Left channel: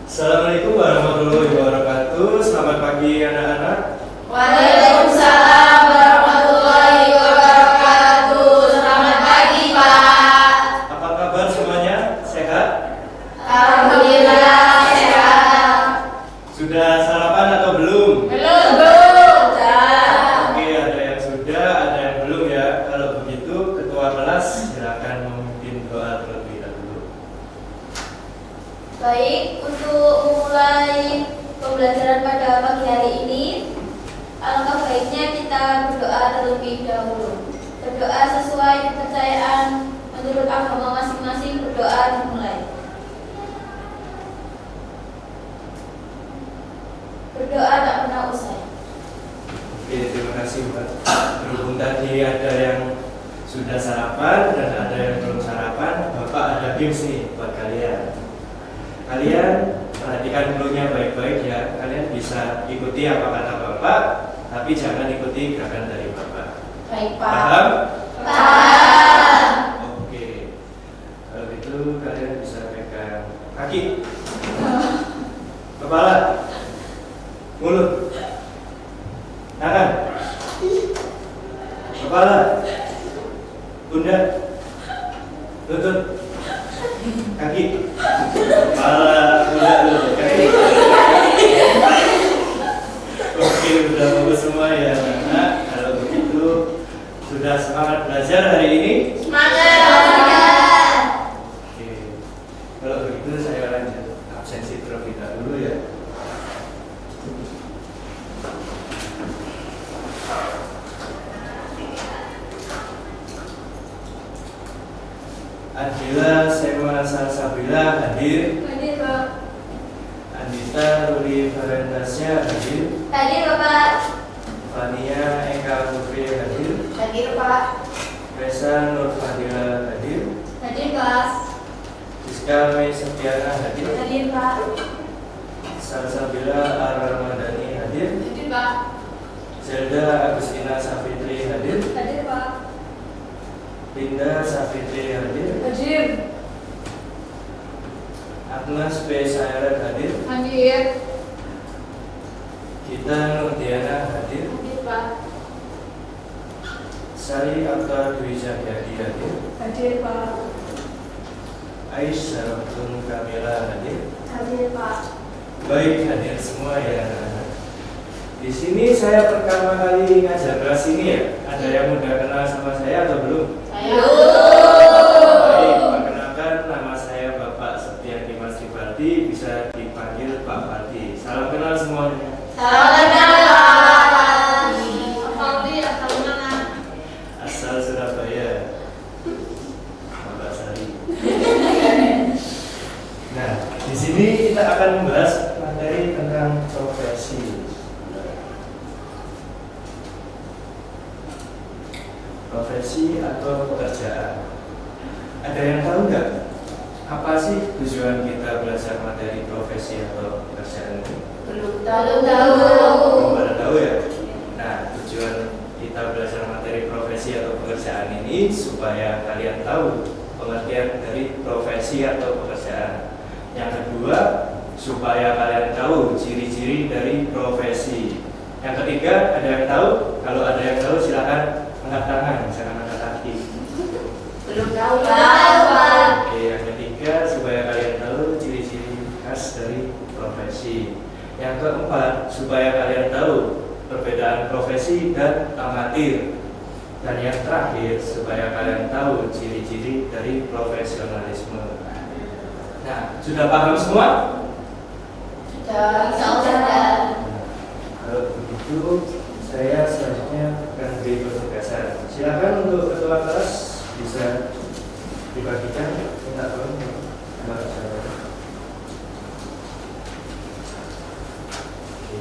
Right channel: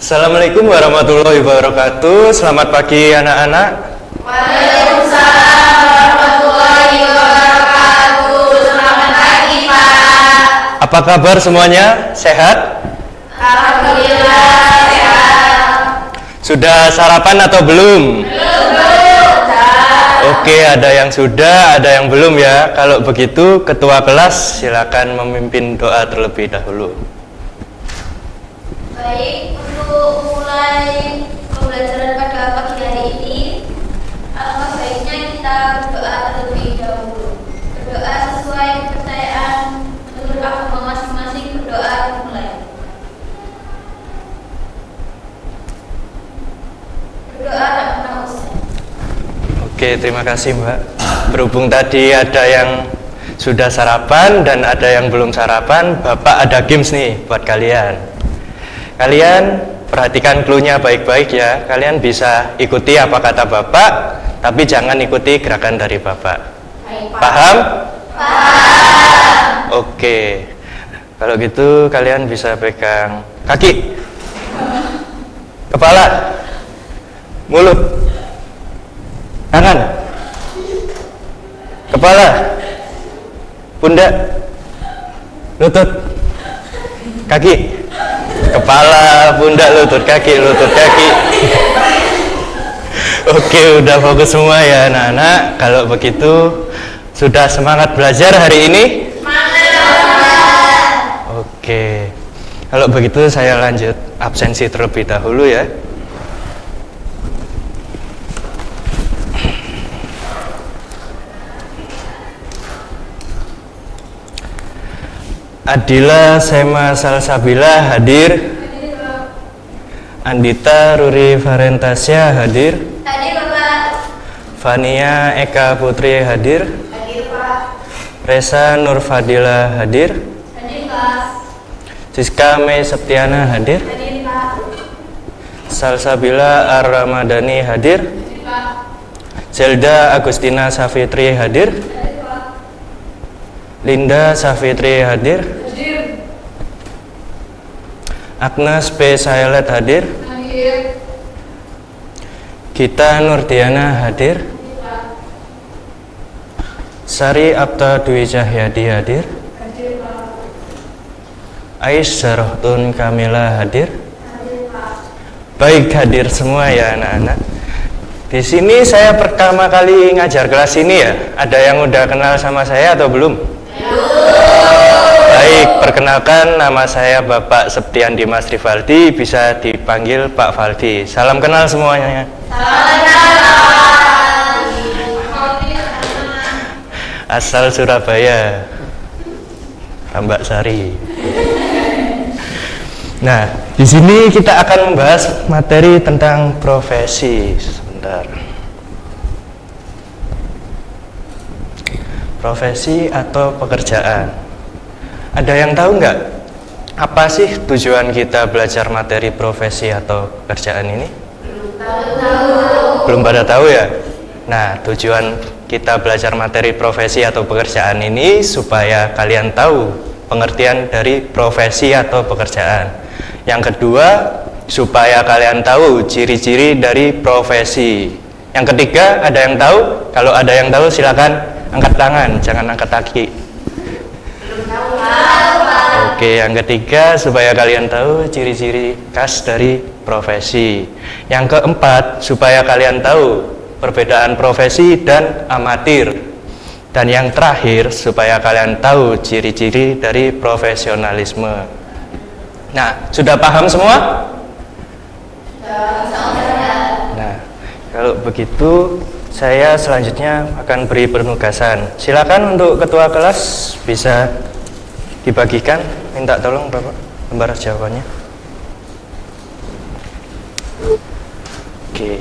Assalamualaikum warahmatullahi wabarakatuh. Selamat pagi anak-anak. Waalaikumsalam warahmatullahi wabarakatuh. Selamat pagi, Pak. Apa kabar semuanya? Sehat? Alhamdulillah sehat. Sudah sarapan atau belum? Belum. Oke, ada yang sudah, ada yang belum ya. Kalau begitu, ketua kelas silakan memimpin doa terlebih dahulu. Baik, untuk mulai pembelajaran pada pagi hari ini, alangkah baiknya kita berdoa terlebih dahulu. Berdoa sesuai kepercayaan menurut agama masing-masing. Berdoa dimulai. Berdoa tidak pernah usai. Oke, terima kasih Mbak. Berhubung tadi ada yang sudah sarapan dan ada yang belum sarapan, Bapak ada games nih buat kalian. Kalian perhatikan clue-nya baik-baik ya. Kalian bisa ikuti apa kata Bapak, tapi jangan ikuti gerakan dari Bapak. Paham? Paham. Oke. Kalau gitu kalian bisa pegang kaki, kepala, mulut, tangan, kepala, pundak, lutut, kaki, kepala, pundak, lutut, kaki, lutut, kaki. Oke, udah fokus semua ya anak-anak. Kalau begitu, sudah semangat belajar hari ini? Oke, kalau begitu saya lanjut absensi terlebih dahulu ya. Adila Sema Salsabila hadir. Andita Ruri Farentasya hadir. Hadir, Pak. Fania Eka Putri hadir. Hadir, Pak. Resa Nurfadila hadir. Hadir, Pak. Siska Mei Septiana hadir. Hadir, Pak. Salsabila Ar-Ramadhani hadir. Hadir, Pak. Zelda Agustina Safitri hadir. Hadir, Pak. Linda Safitri hadir. Hadir. Agnes P. Sayalet hadir. Hadir. Gita Nurdiana hadir. Hadir, Pak. Sari Abta Dwi Cahyadi hadir. Hadir, Pak. Ais Zarohtun Kamila hadir. Hadir, Pak. Baik, hadir semua ya anak-anak. Di sini saya pertama kali ngajar kelas ini ya. Ada yang udah kenal sama saya atau belum? Baik, perkenalkan nama saya Bapak Septian Dimas Rivaldi, bisa dipanggil Pak Valdi. Salam kenal semuanya. Asal Surabaya, Tambak Sari. Nah, di sini kita akan membahas materi tentang profesi. Sebentar. Profesi atau pekerjaan. Ada yang tahu nggak? Apa sih tujuan kita belajar materi profesi atau pekerjaan ini? Belum pada tahu ya? Nah, tujuan kita belajar materi profesi atau pekerjaan ini supaya kalian tahu pengertian dari profesi atau pekerjaan. Yang kedua, supaya kalian tahu ciri-ciri dari profesi. Yang ketiga, ada yang tahu? Kalau ada yang tahu silakan angkat tangan, jangan angkat kaki. Oke, yang ketiga, supaya kalian tahu ciri-ciri khas dari profesi. Yang keempat, supaya kalian tahu perbedaan profesi dan amatir. Dan yang terakhir, supaya kalian tahu ciri-ciri dari profesionalisme. Nah, sudah paham semua? Nah, kalau begitu saya selanjutnya akan beri penugasan. Silakan untuk ketua kelas bisa dibagikan. Minta tolong Bapak lembar jawabannya. Oke.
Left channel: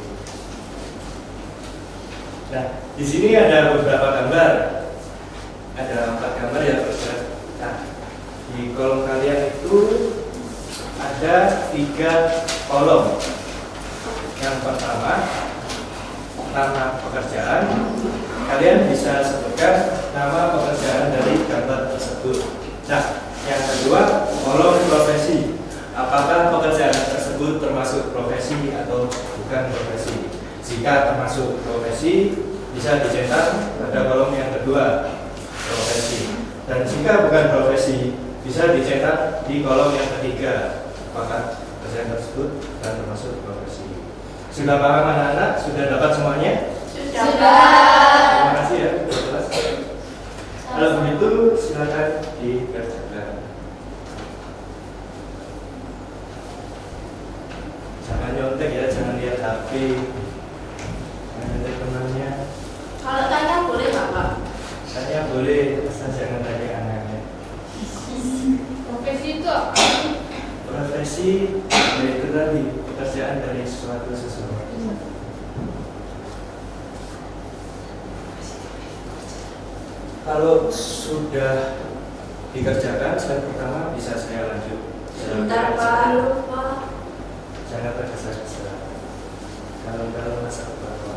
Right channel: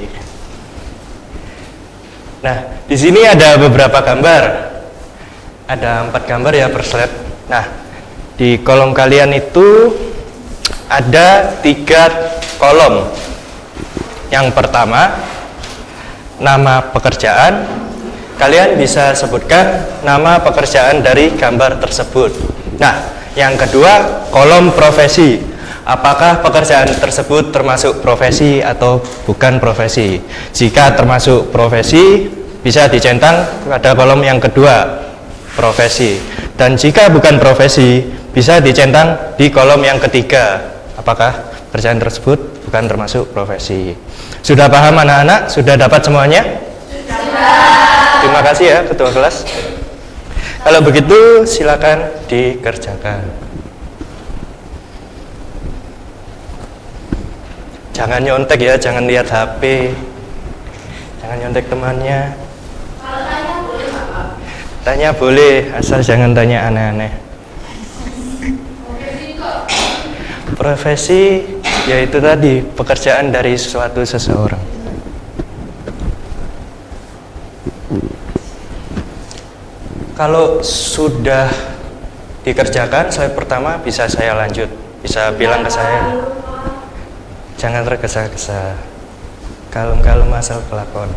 Nah, di sini ada beberapa gambar. Ada 4 gambar ya per slide. Nah, di kolom kalian itu ada 3 kolom. Yang pertama, nama pekerjaan. Kalian bisa sebutkan nama pekerjaan dari gambar tersebut. Nah, yang kedua, kolom profesi. Apakah pekerjaan tersebut termasuk profesi atau bukan profesi? Jika termasuk profesi, bisa dicentang pada kolom yang kedua, profesi. Dan jika bukan profesi, bisa dicentang di kolom yang ketiga. Apakah pekerjaan tersebut bukan termasuk profesi? Sudah paham anak-anak? Sudah dapat semuanya? Sudah. Terima kasih ya ketua kelas. Kalau begitu silakan dikerjakan. Jangan nyontek ya, jangan lihat HP. Jangan nyontek temannya. Kalau tanya boleh nggak Pak? Tanya boleh, asal jangan tanya aneh-aneh. Profesi kok? Profesi yaitu tadi pekerjaan dari suatu seseorang. Kalau sudah dikerjakan, slide pertama bisa saya lanjut, bisa bilang ke saya. Jangan tergesa-gesa. Kalem-kalem asal kelakon.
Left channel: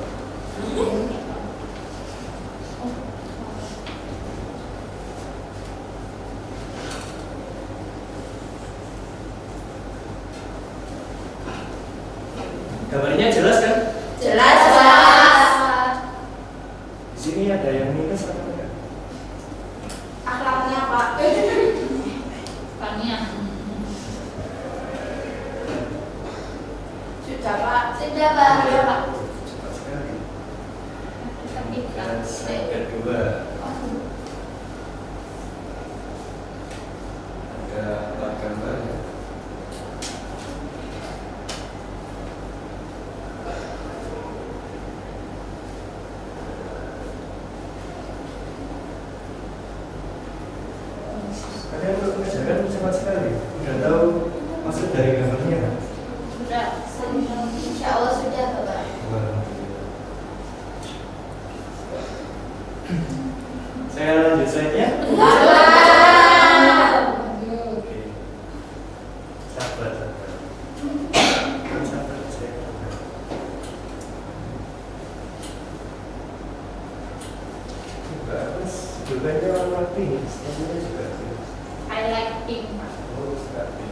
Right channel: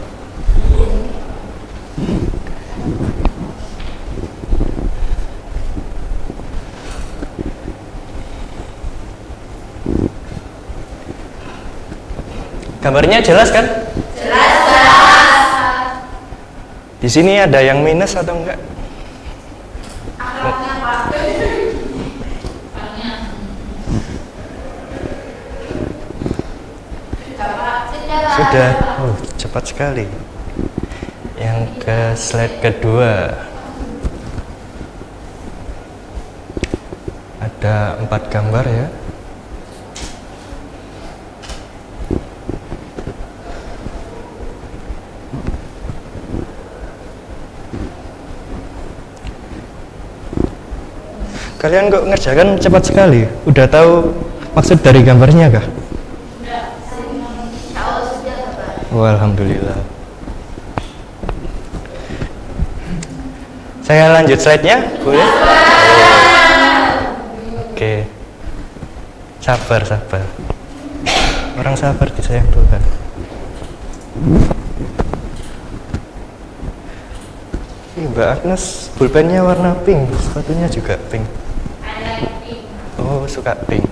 Gambarnya jelas kan? Jelas. Di sini ada yang minus atau enggak? Alatnya Pak. Sudah. Cepat sekali. Yang ke slide kedua. Ada 4 gambar ya. Kalian kok ngerjakan cepat sekali? Udah tahu maksud dari gambarnya kah? Sudah. Tahu sudah Pak. Oh, alhamdulillah. Saya lanjut slide-nya, boleh? Oke. Sabar. Orang sabar disayang Tuhan. Mbak Agnes, pulpennya warna pink, sepatunya juga pink. I like pink. Oh, suka pink.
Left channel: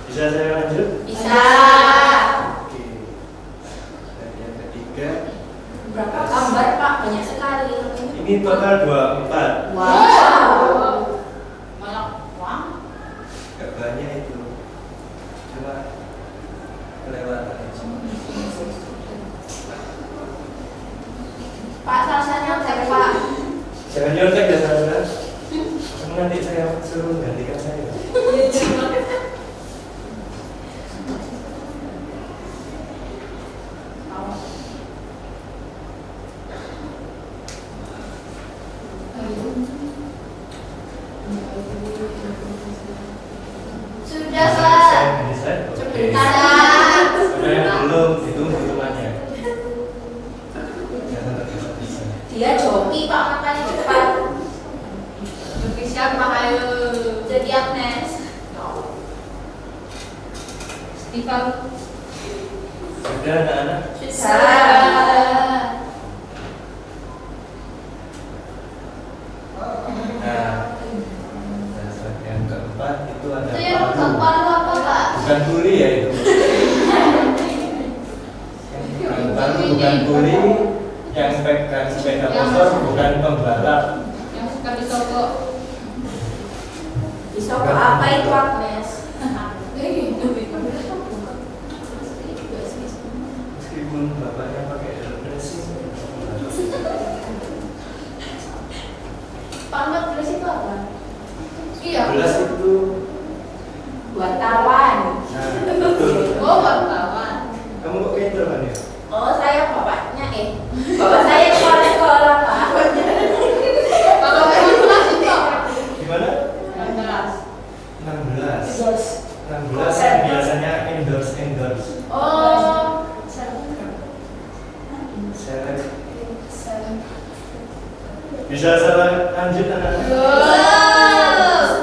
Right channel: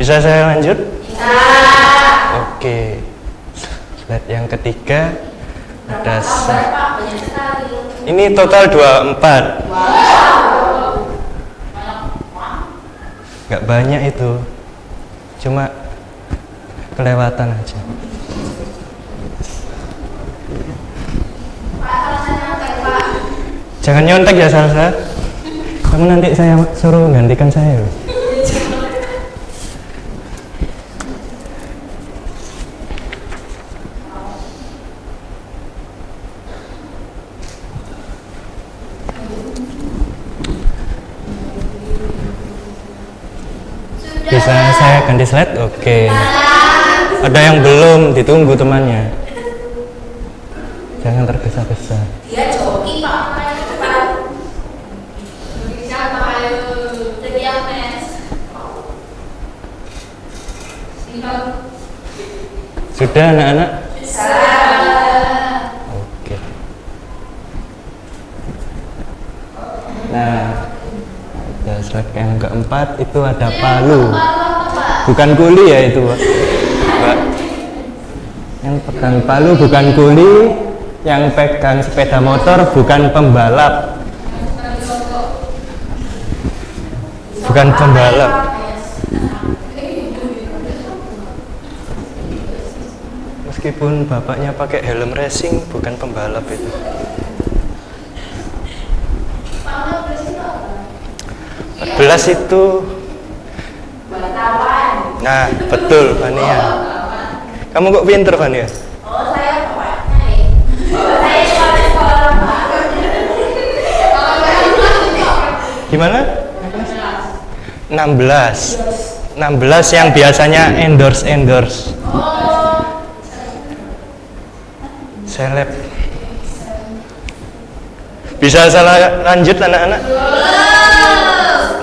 Bisa saya lanjut? Bisa. Oke. Slide yang ketiga ada Pak, banyak sekali. ini total 24. Nggak banyak itu, cuma kelewatan aja. Pak, rasanya baik Pak. Jangan nyontek ya Salsa. Kamu nanti saya suruh gantikan saya. Bisa saya ganti slide? Oke. Ada yang belum, ditunggu temannya. Jangan tergesa-gesa. Dia joki Pak, makanya cepat. Bisa Pak, ayo. Jadi Agnes. Sudah anak-anak? Bisa. Oke. Nah, ya, slide yang keempat itu ada palu. Bukan kuli ya itu, Pak. Yang pegang palu bukan kuli, yang pegang sepeda motor bukan pembalap. Bukan pembalap. Meskipun bapaknya pakai helm racing, bukan pembalap itu. Belas itu. Nah, betul, Fania. Kamu kok pinter, Fania? Oh, saya bapaknya saya sekolah Pak. Gimana? 16. 16 yang biasanya endorse. Oh. Seleb. Bisa salah lanjut anak-anak?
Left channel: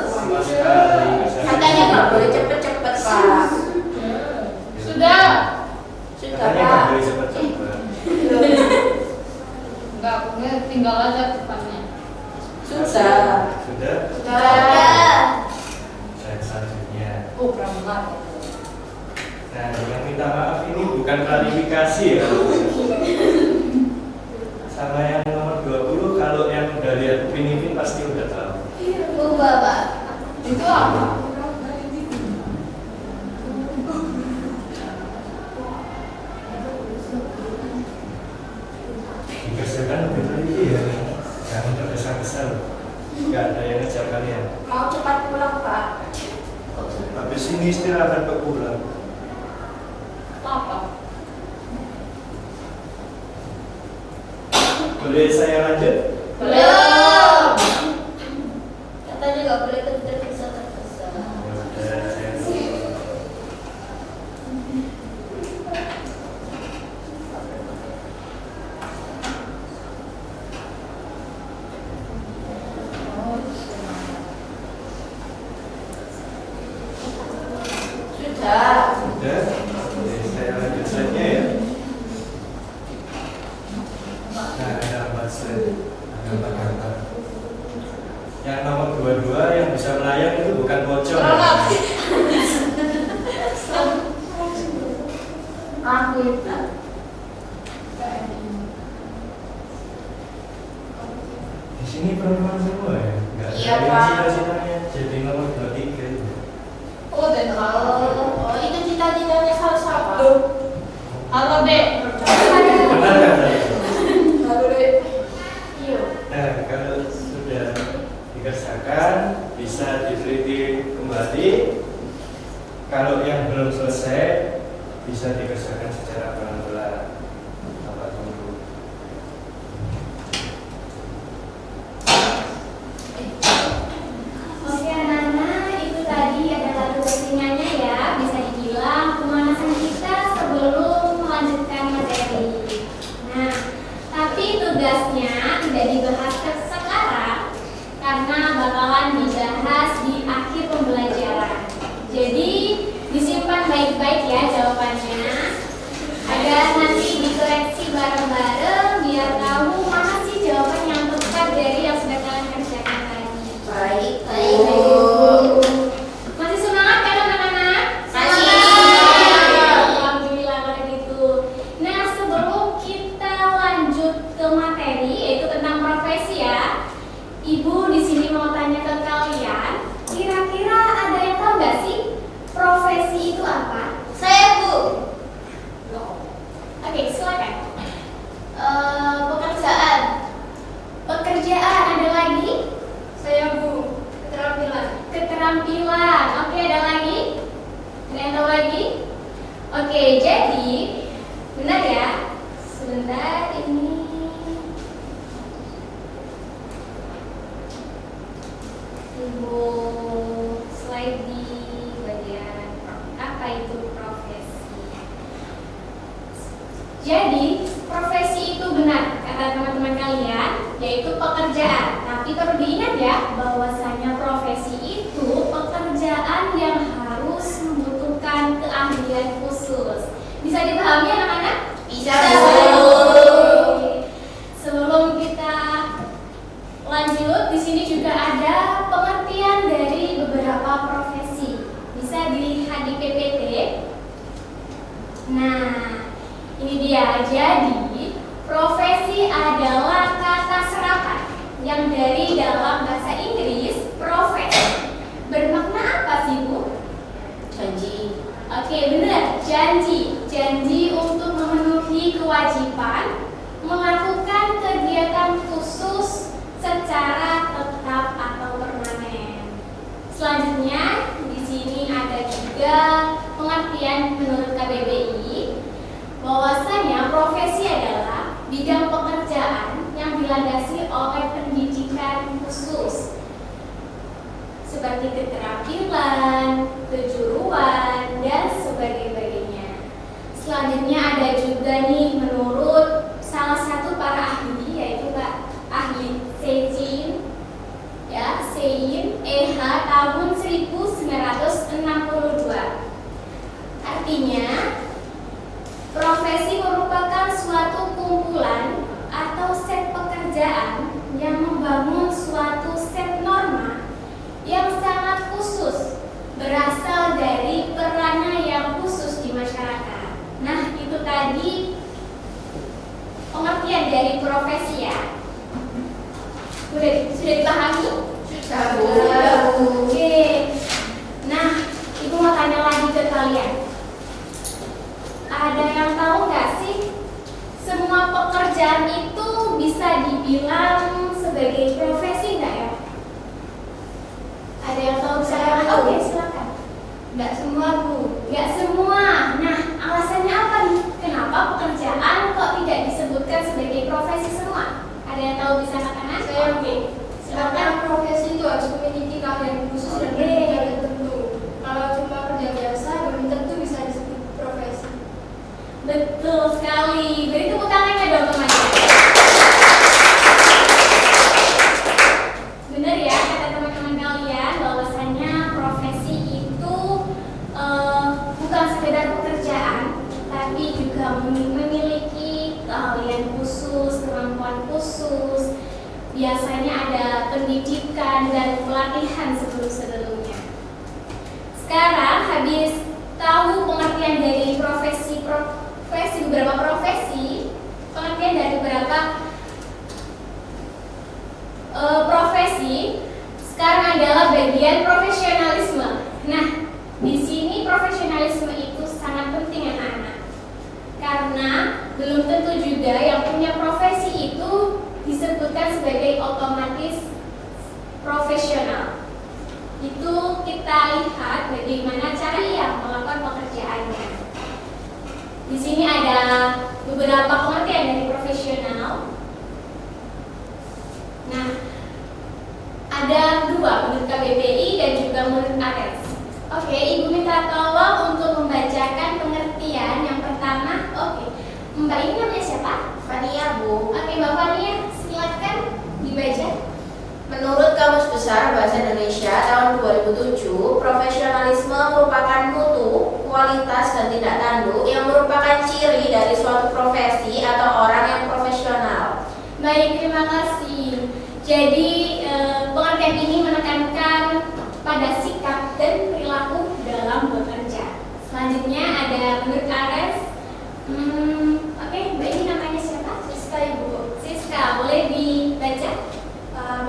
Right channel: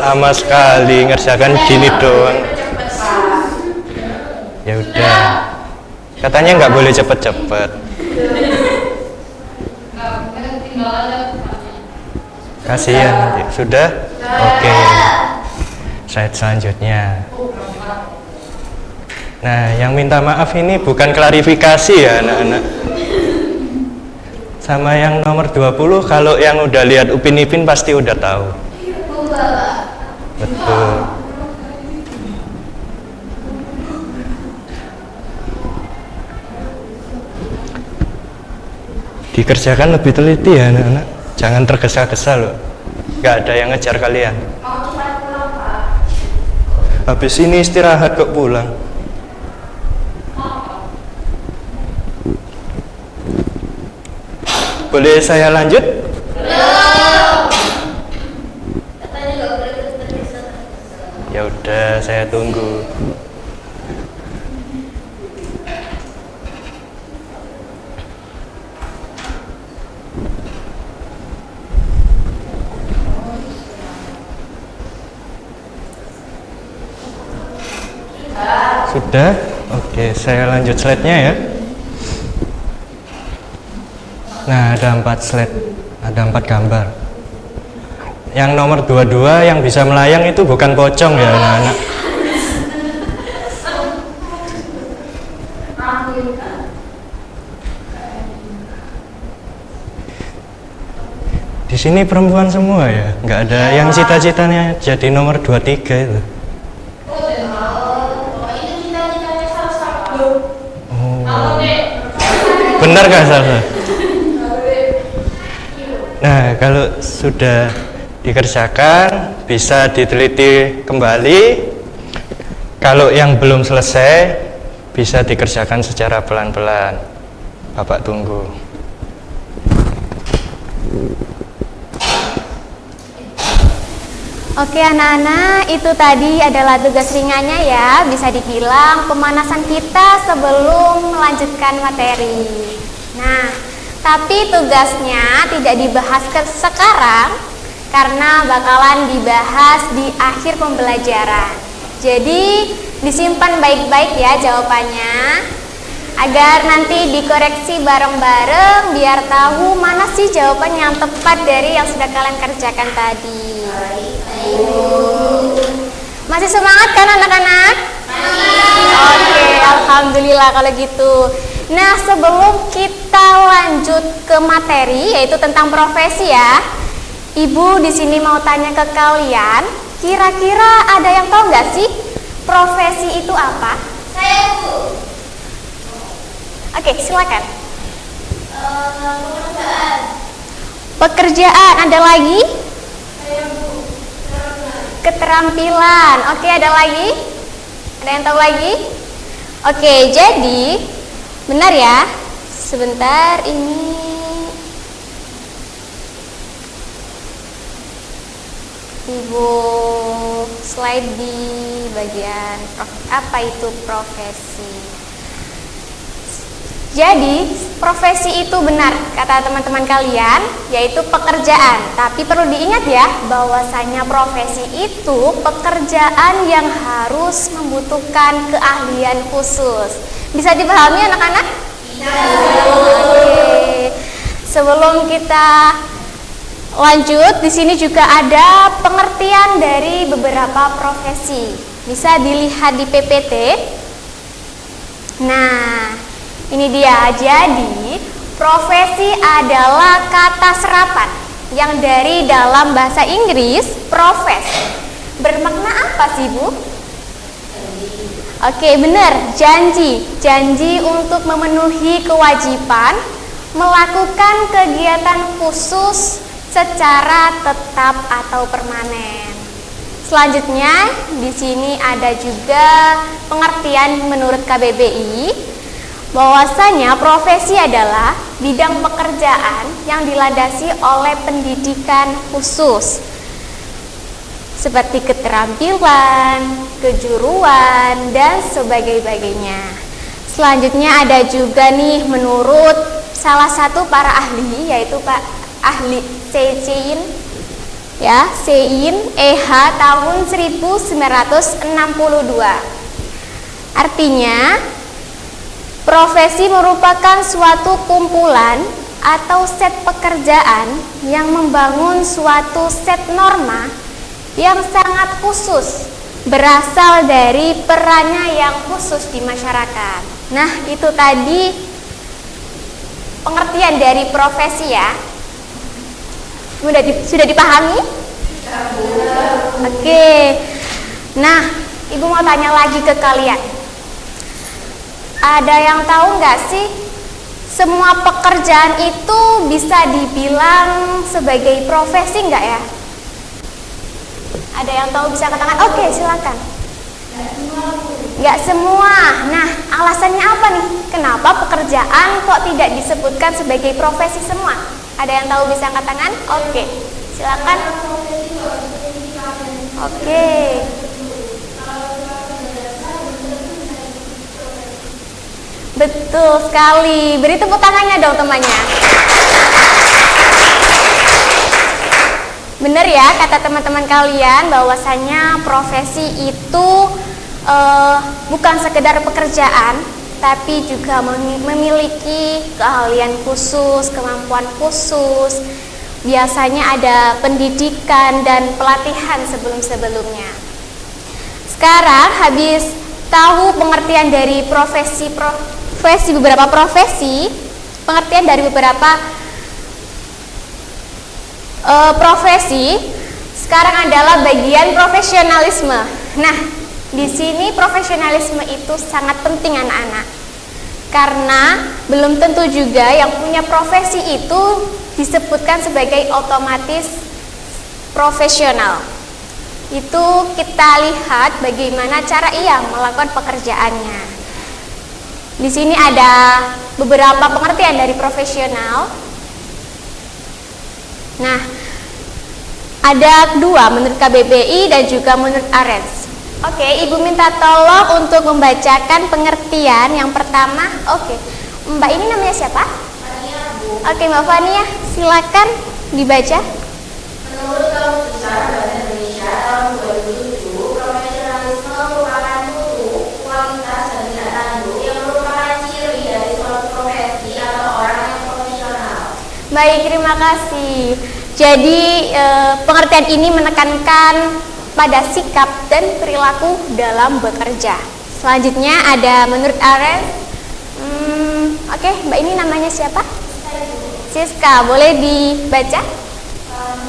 Lama sekali ngerjakan gini doang. Ya udah. Katanya nggak boleh cepet-cepet. Kasihan. Sudah? Oke. Slide selanjutnya. Nah, yang minta maaf ini bukan klarifikasi ya anak-anak. Sama yang nomor 20, kalau yang udah lihat Upin Ipin pasti udah tahu. Betul. Dikerjakan lebih teliti ya anak-anak. Jangan tergesa-gesa loh. Gak ada yang ngejar kalian. Mau cepat pulang, Pak. Habis ini istirahat kok pulang. Boleh saya lanjut? Belum. Katanya juga boleh tergesa-gesa. Ya udah, saya tunggu. Sudah? Oke, saya lanjut slide-nya ya. Nah, ada 4 slide, ada 4 gambar. Yang nomor 22 yang bisa melayang itu bukan pocong ya anak-anak. Di sini perempuan semua ya, nggak ada yang cita-citanya jadi nomor 23 itu. Oh, itu cita-citanya satu. Benar kan Salsa? Nah, kalau sudah dikerjakan bisa diteliti kembali. Kalau yang belum selesai bisa dikerjakan secara pelan-pelan. Bapak tunggu. Oke anak-anak, itu tadi adalah tugas ringannya ya. Bisa dibilang pemanasan kita sebelum melanjutkan materi. Nah, tapi tugasnya tidak dibahas sekarang karena bakalan dibahas di akhir pembelajaran. Jadi disimpan baik-baik ya jawabannya, agar nanti dikoreksi bareng-bareng biar tahu mana sih jawaban yang tepat dari yang sudah kalian kerjakan tadi. Masih semangat kan anak-anak? Oke, alhamdulillah kalau gitu. Nah, sebelum kita lanjut ke materi yaitu tentang profesi ya, Ibu di sini mau tanya ke kalian, kira-kira ada yang tahu nggak sih profesi itu apa? Saya, Bu. Oke, silakan. Pekerjaan. Pekerjaan, ada lagi? Saya, Bu. Keterampilan. Keterampilan. Oke, ada lagi? Ada yang tahu lagi? Oke, jadi benar ya. Sebentar ini. Ibu slide di bagian apa itu profesi. Jadi profesi itu benar kata teman-teman kalian, yaitu pekerjaan. Tapi perlu diingat ya bahwasanya profesi itu pekerjaan yang harus membutuhkan keahlian khusus. Bisa dipahami anak-anak? Bisa. Oke. Sebelum kita lanjut, di sini juga ada pengertian dari beberapa profesi. Bisa dilihat di PPT. Nah, ini dia. Jadi, profesi adalah kata serapan yang dari dalam bahasa Inggris profes. Bermakna apa sih, Bu? Janji. Oke, benar, janji. Janji untuk memenuhi kewajiban melakukan kegiatan khusus secara tetap atau permanen. Selanjutnya, di sini ada juga pengertian menurut KBBI bahwasanya profesi adalah bidang pekerjaan yang dilandasi oleh pendidikan khusus seperti keterampilan, kejuruan, dan sebagainya. Selanjutnya ada juga nih menurut salah satu para ahli, yaitu Pak Ahli Sein ya, Sein EH tahun 1962. Artinya profesi merupakan suatu kumpulan atau set pekerjaan yang membangun suatu set norma yang sangat khusus, berasal dari perannya yang khusus di masyarakat. Nah, itu tadi pengertian dari profesi ya. Sudah dipahami? Oke. Nah, Ibu mau tanya lagi ke kalian. Ada yang tahu nggak sih, semua pekerjaan itu bisa dibilang sebagai profesi nggak ya? Ada yang tahu bisa katakan? Oke, silakan. Nggak semua, Bu. Nggak semua. Nah, alasannya apa nih? Kenapa pekerjaan kok tidak disebutkan sebagai profesi semua? Ada yang tahu bisa katakan? Oke, silakan. Profesi itu harus memiliki dan Oke. kalau cuma kerja biasa belum tentu bisa disebut profesi. Betul sekali. Beri tepuk tangannya dong temannya. Benar ya kata teman-teman kalian bahwasanya profesi itu bukan sekedar pekerjaan, tapi juga memiliki keahlian khusus, kemampuan khusus. Biasanya ada pendidikan dan pelatihan sebelum-sebelumnya. Sekarang habis tahu pengertian dari beberapa profesi, pengertian dari beberapa profesi, sekarang adalah bagian profesionalisme. Nah, di sini profesionalisme itu sangat penting anak-anak, karena belum tentu juga yang punya profesi itu disebutkan sebagai otomatis profesional. Itu kita lihat bagaimana cara ia melakukan pekerjaannya. Di sini ada beberapa pengertian dari profesional. Nah, ada dua menurut KBBI dan juga menurut ARES. Oke, Ibu minta tolong untuk membacakan pengertian yang pertama. Oke, Mbak ini namanya siapa? Fania, Bu. Oke, Mbak Fania, silakan dibaca. Menurut Kamus Besar Bahasa Indonesia tahun 2007, profesionalisme merupakan mutu, kualitas, dan tindak tanduk yang merupakan ciri dari suatu profesi atau orang yang profesional. Baik, terima kasih. Jadi pengertian ini menekankan pada sikap dan perilaku dalam bekerja. Selanjutnya ada menurut ARES. Oke, Mbak ini namanya siapa? Siska, boleh dibaca?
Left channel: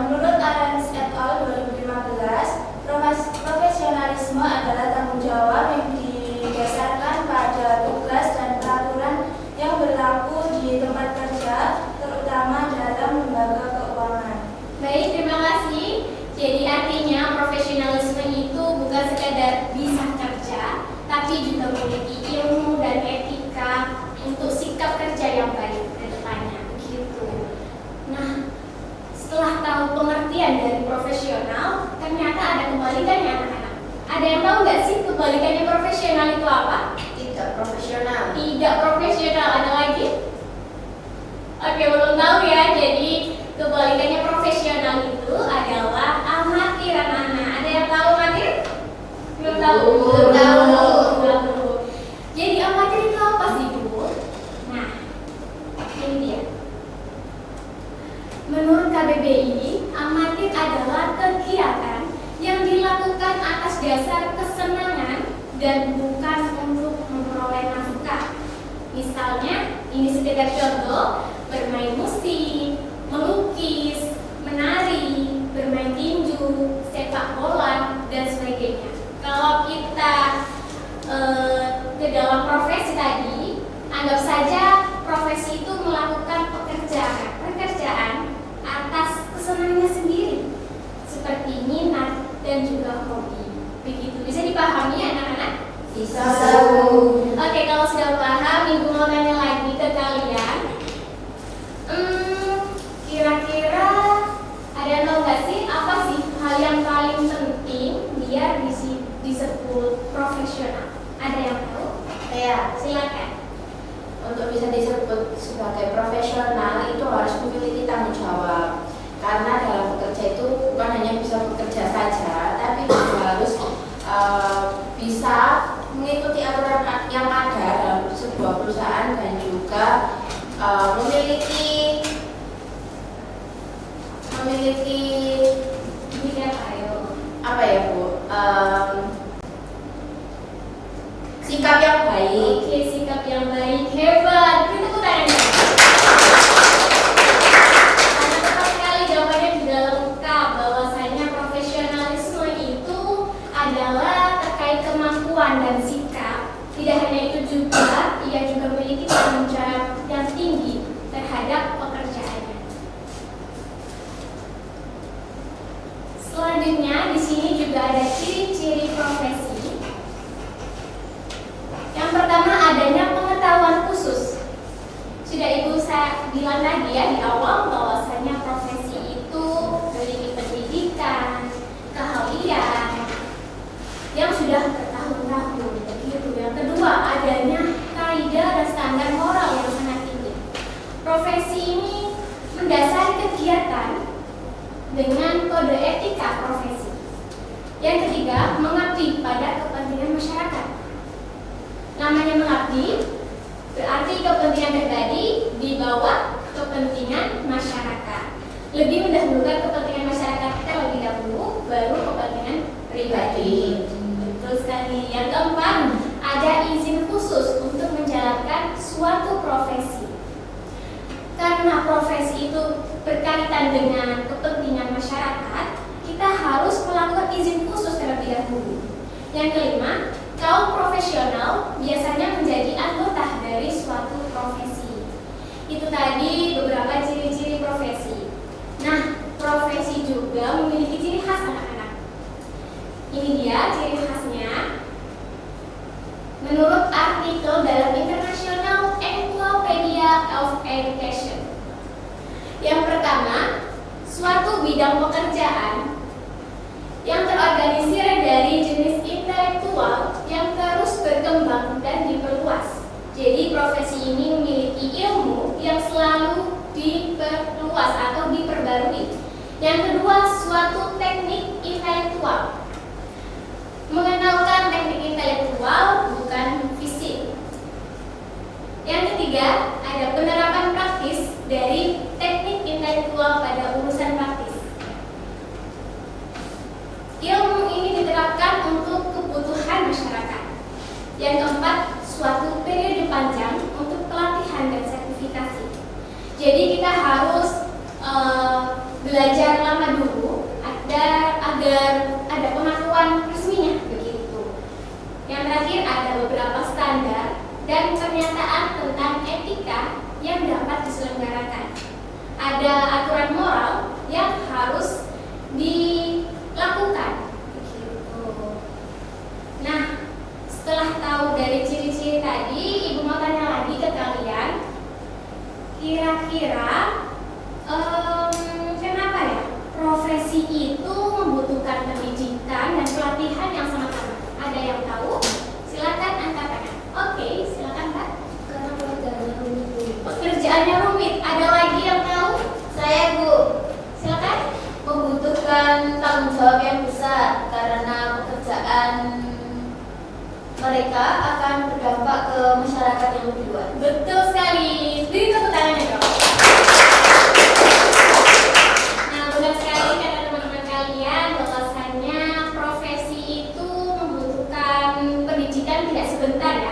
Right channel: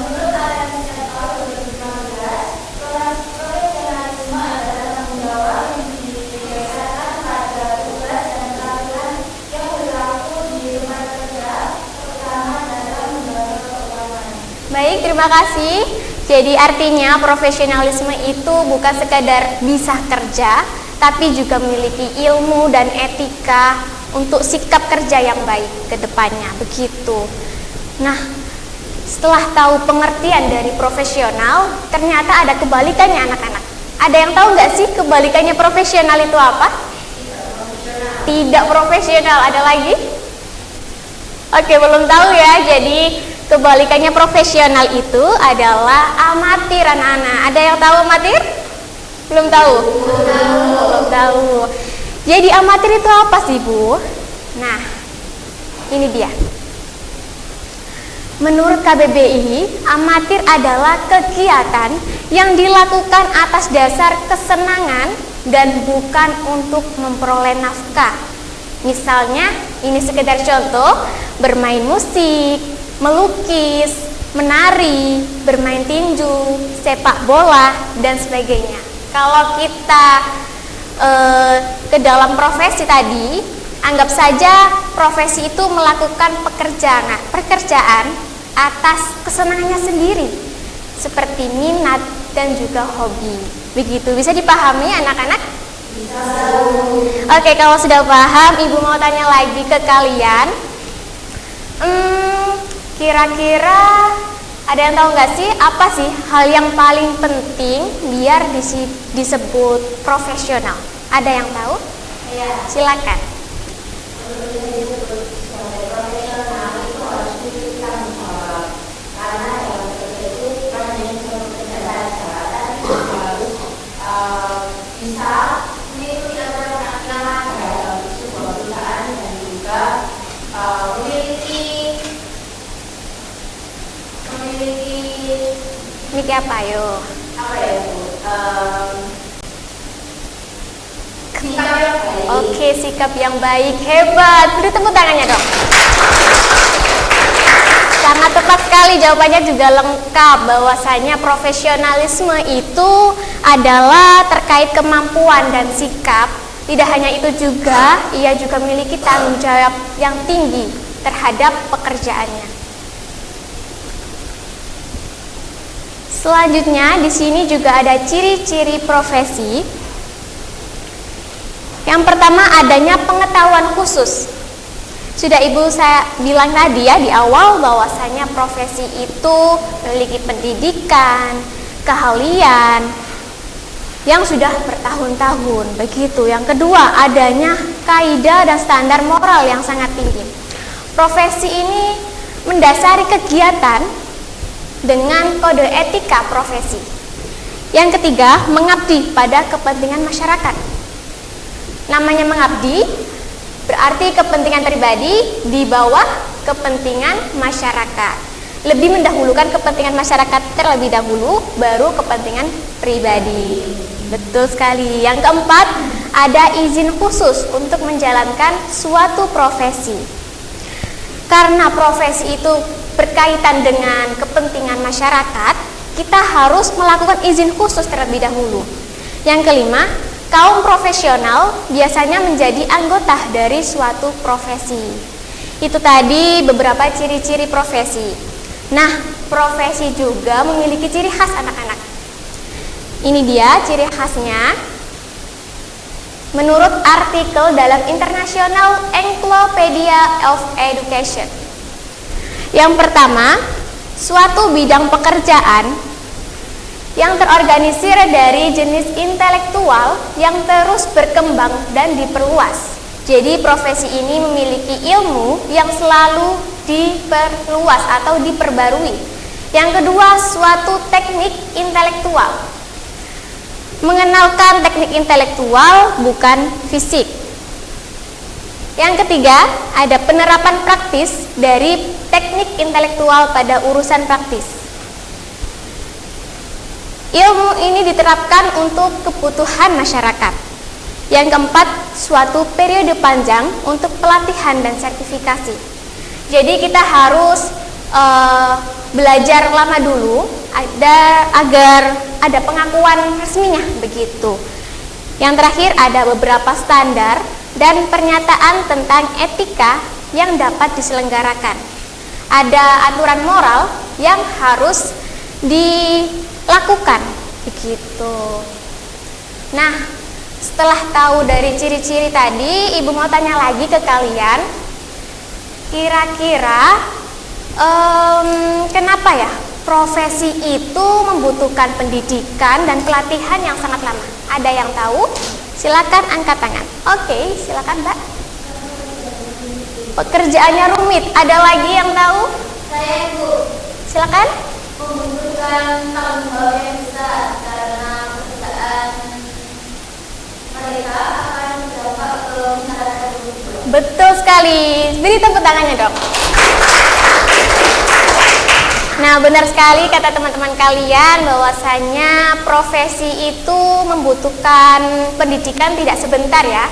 Menurut ARES tahun 2015, profesionalisme adalah tanggung jawab yang didasarkan pada tugas dan peraturan yang berlaku di tempat kerja, terutama dalam lembaga keuangan. Baik, terima kasih. Jadi artinya profesionalisme itu bukan sekadar bisa kerja, tapi juga memiliki ilmu dan etika untuk sikap kerja yang baik ke depannya, begitu. Nah, setelah tahu pengertian dari profesional, ternyata ada kebalikannya anak-anak. Ada yang tahu nggak sih kebalikannya profesional itu apa? Tidak profesional. Tidak profesional, ada lagi? Oke, belum tahu ya. Jadi kebalikannya profesional itu adalah amatir anak-anak. Ada yang tahu amatir? Belum tahu? Belum tahu. Jadi amatir itu apa sih, Bu? Nah, ini dia. Menurut KBBI, amatir adalah kegiatan yang dilakukan atas dasar kesenangan dan bukan untuk memperoleh nafkah. Misalnya, ini sekedar contoh, bermain musik, melukis, menari, bermain tinju, sepak bola, dan sebagainya. Kalau kita ke dalam profesi tadi, anggap saja profesi itu melakukan pekerjaan atas kesenangannya sendiri, seperti minat dan juga hobi. Begitu, bisa dipahami anak-anak? Bisa. Oke, kalau sudah paham, Ibu mau tanya lagi ke kalian. Kira-kira ada yang tahu nggak sih apa sih hal yang paling penting biar disebut profesional? Ada yang tahu? Ya. Silakan. Untuk bisa disebut sebagai profesional itu harus memiliki tanggung jawab, karena dalam bekerja itu bukan hanya bisa bekerja saja, tapi juga harus bisa mengikuti aturan yang ada dalam sebuah perusahaan dan juga memiliki siapa? Ayo. Apa ya Bu? Sikap yang baik. Oke, sikap yang baik. Hebat. Beri tepuk tangannya dong. Sangat tepat sekali, jawabannya juga lengkap. Bahwasanya profesionalisme itu adalah terkait kemampuan dan sikap. Tidak hanya itu juga, ia juga memiliki tanggung jawab yang tinggi terhadap pekerjaannya. Selanjutnya di sini juga ada ciri-ciri profesi. Yang pertama adanya pengetahuan khusus. Sudah Ibu saya bilang tadi ya di awal bahwasanya profesi itu memiliki pendidikan, keahlian yang sudah bertahun-tahun begitu. Yang kedua adanya kaidah dan standar moral yang sangat tinggi. Profesi ini mendasari kegiatan dengan kode etika profesi. Yang ketiga mengabdi pada kepentingan masyarakat. Namanya mengabdi berarti kepentingan pribadi di bawah kepentingan masyarakat. Lebih mendahulukan kepentingan masyarakat terlebih dahulu, baru kepentingan pribadi. Betul sekali. Yang keempat, ada izin khusus untuk menjalankan suatu profesi. Karena profesi itu berkaitan dengan kepentingan masyarakat, kita harus melakukan izin khusus terlebih dahulu. Yang kelima, kaum profesional biasanya menjadi anggota dari suatu profesi. Itu tadi beberapa ciri-ciri profesi. Nah, profesi juga memiliki ciri khas anak-anak. Ini dia ciri khasnya. Menurut artikel dalam International Encyclopedia of Education. Yang pertama, suatu bidang pekerjaan yang terorganisir dari jenis intelektual yang terus berkembang dan diperluas. Jadi profesi ini memiliki ilmu yang selalu diperluas atau diperbarui. Yang kedua, suatu teknik intelektual. Mengenalkan teknik intelektual bukan fisik. Yang ketiga, ada penerapan praktis dari teknik intelektual pada urusan praktis. Ilmu ini diterapkan untuk kebutuhan masyarakat. Yang keempat, suatu periode panjang untuk pelatihan dan sertifikasi. Jadi kita harus belajar lama dulu agar ada pengakuan resminya begitu. Yang terakhir ada beberapa standar dan pernyataan tentang etika yang dapat diselenggarakan. Ada aturan moral yang harus dilakukan begitu. Nah, setelah tahu dari ciri-ciri tadi, Ibu mau tanya lagi ke kalian. Kira-kira kenapa ya profesi itu membutuhkan pendidikan dan pelatihan yang sangat lama? Ada yang tahu? Silakan angkat tangan. Oke, silakan Mbak. Pekerjaannya rumit. Ada lagi yang tahu? Saya Bu. Silakan. Membutuhkan tanggung jawab yang besar karena pekerjaan mereka akan berdampak ke masyarakat juga. Betul sekali. Beri tepuk tangannya dong. Nah, benar sekali kata teman-teman kalian bahwasanya profesi itu membutuhkan pendidikan tidak sebentar ya.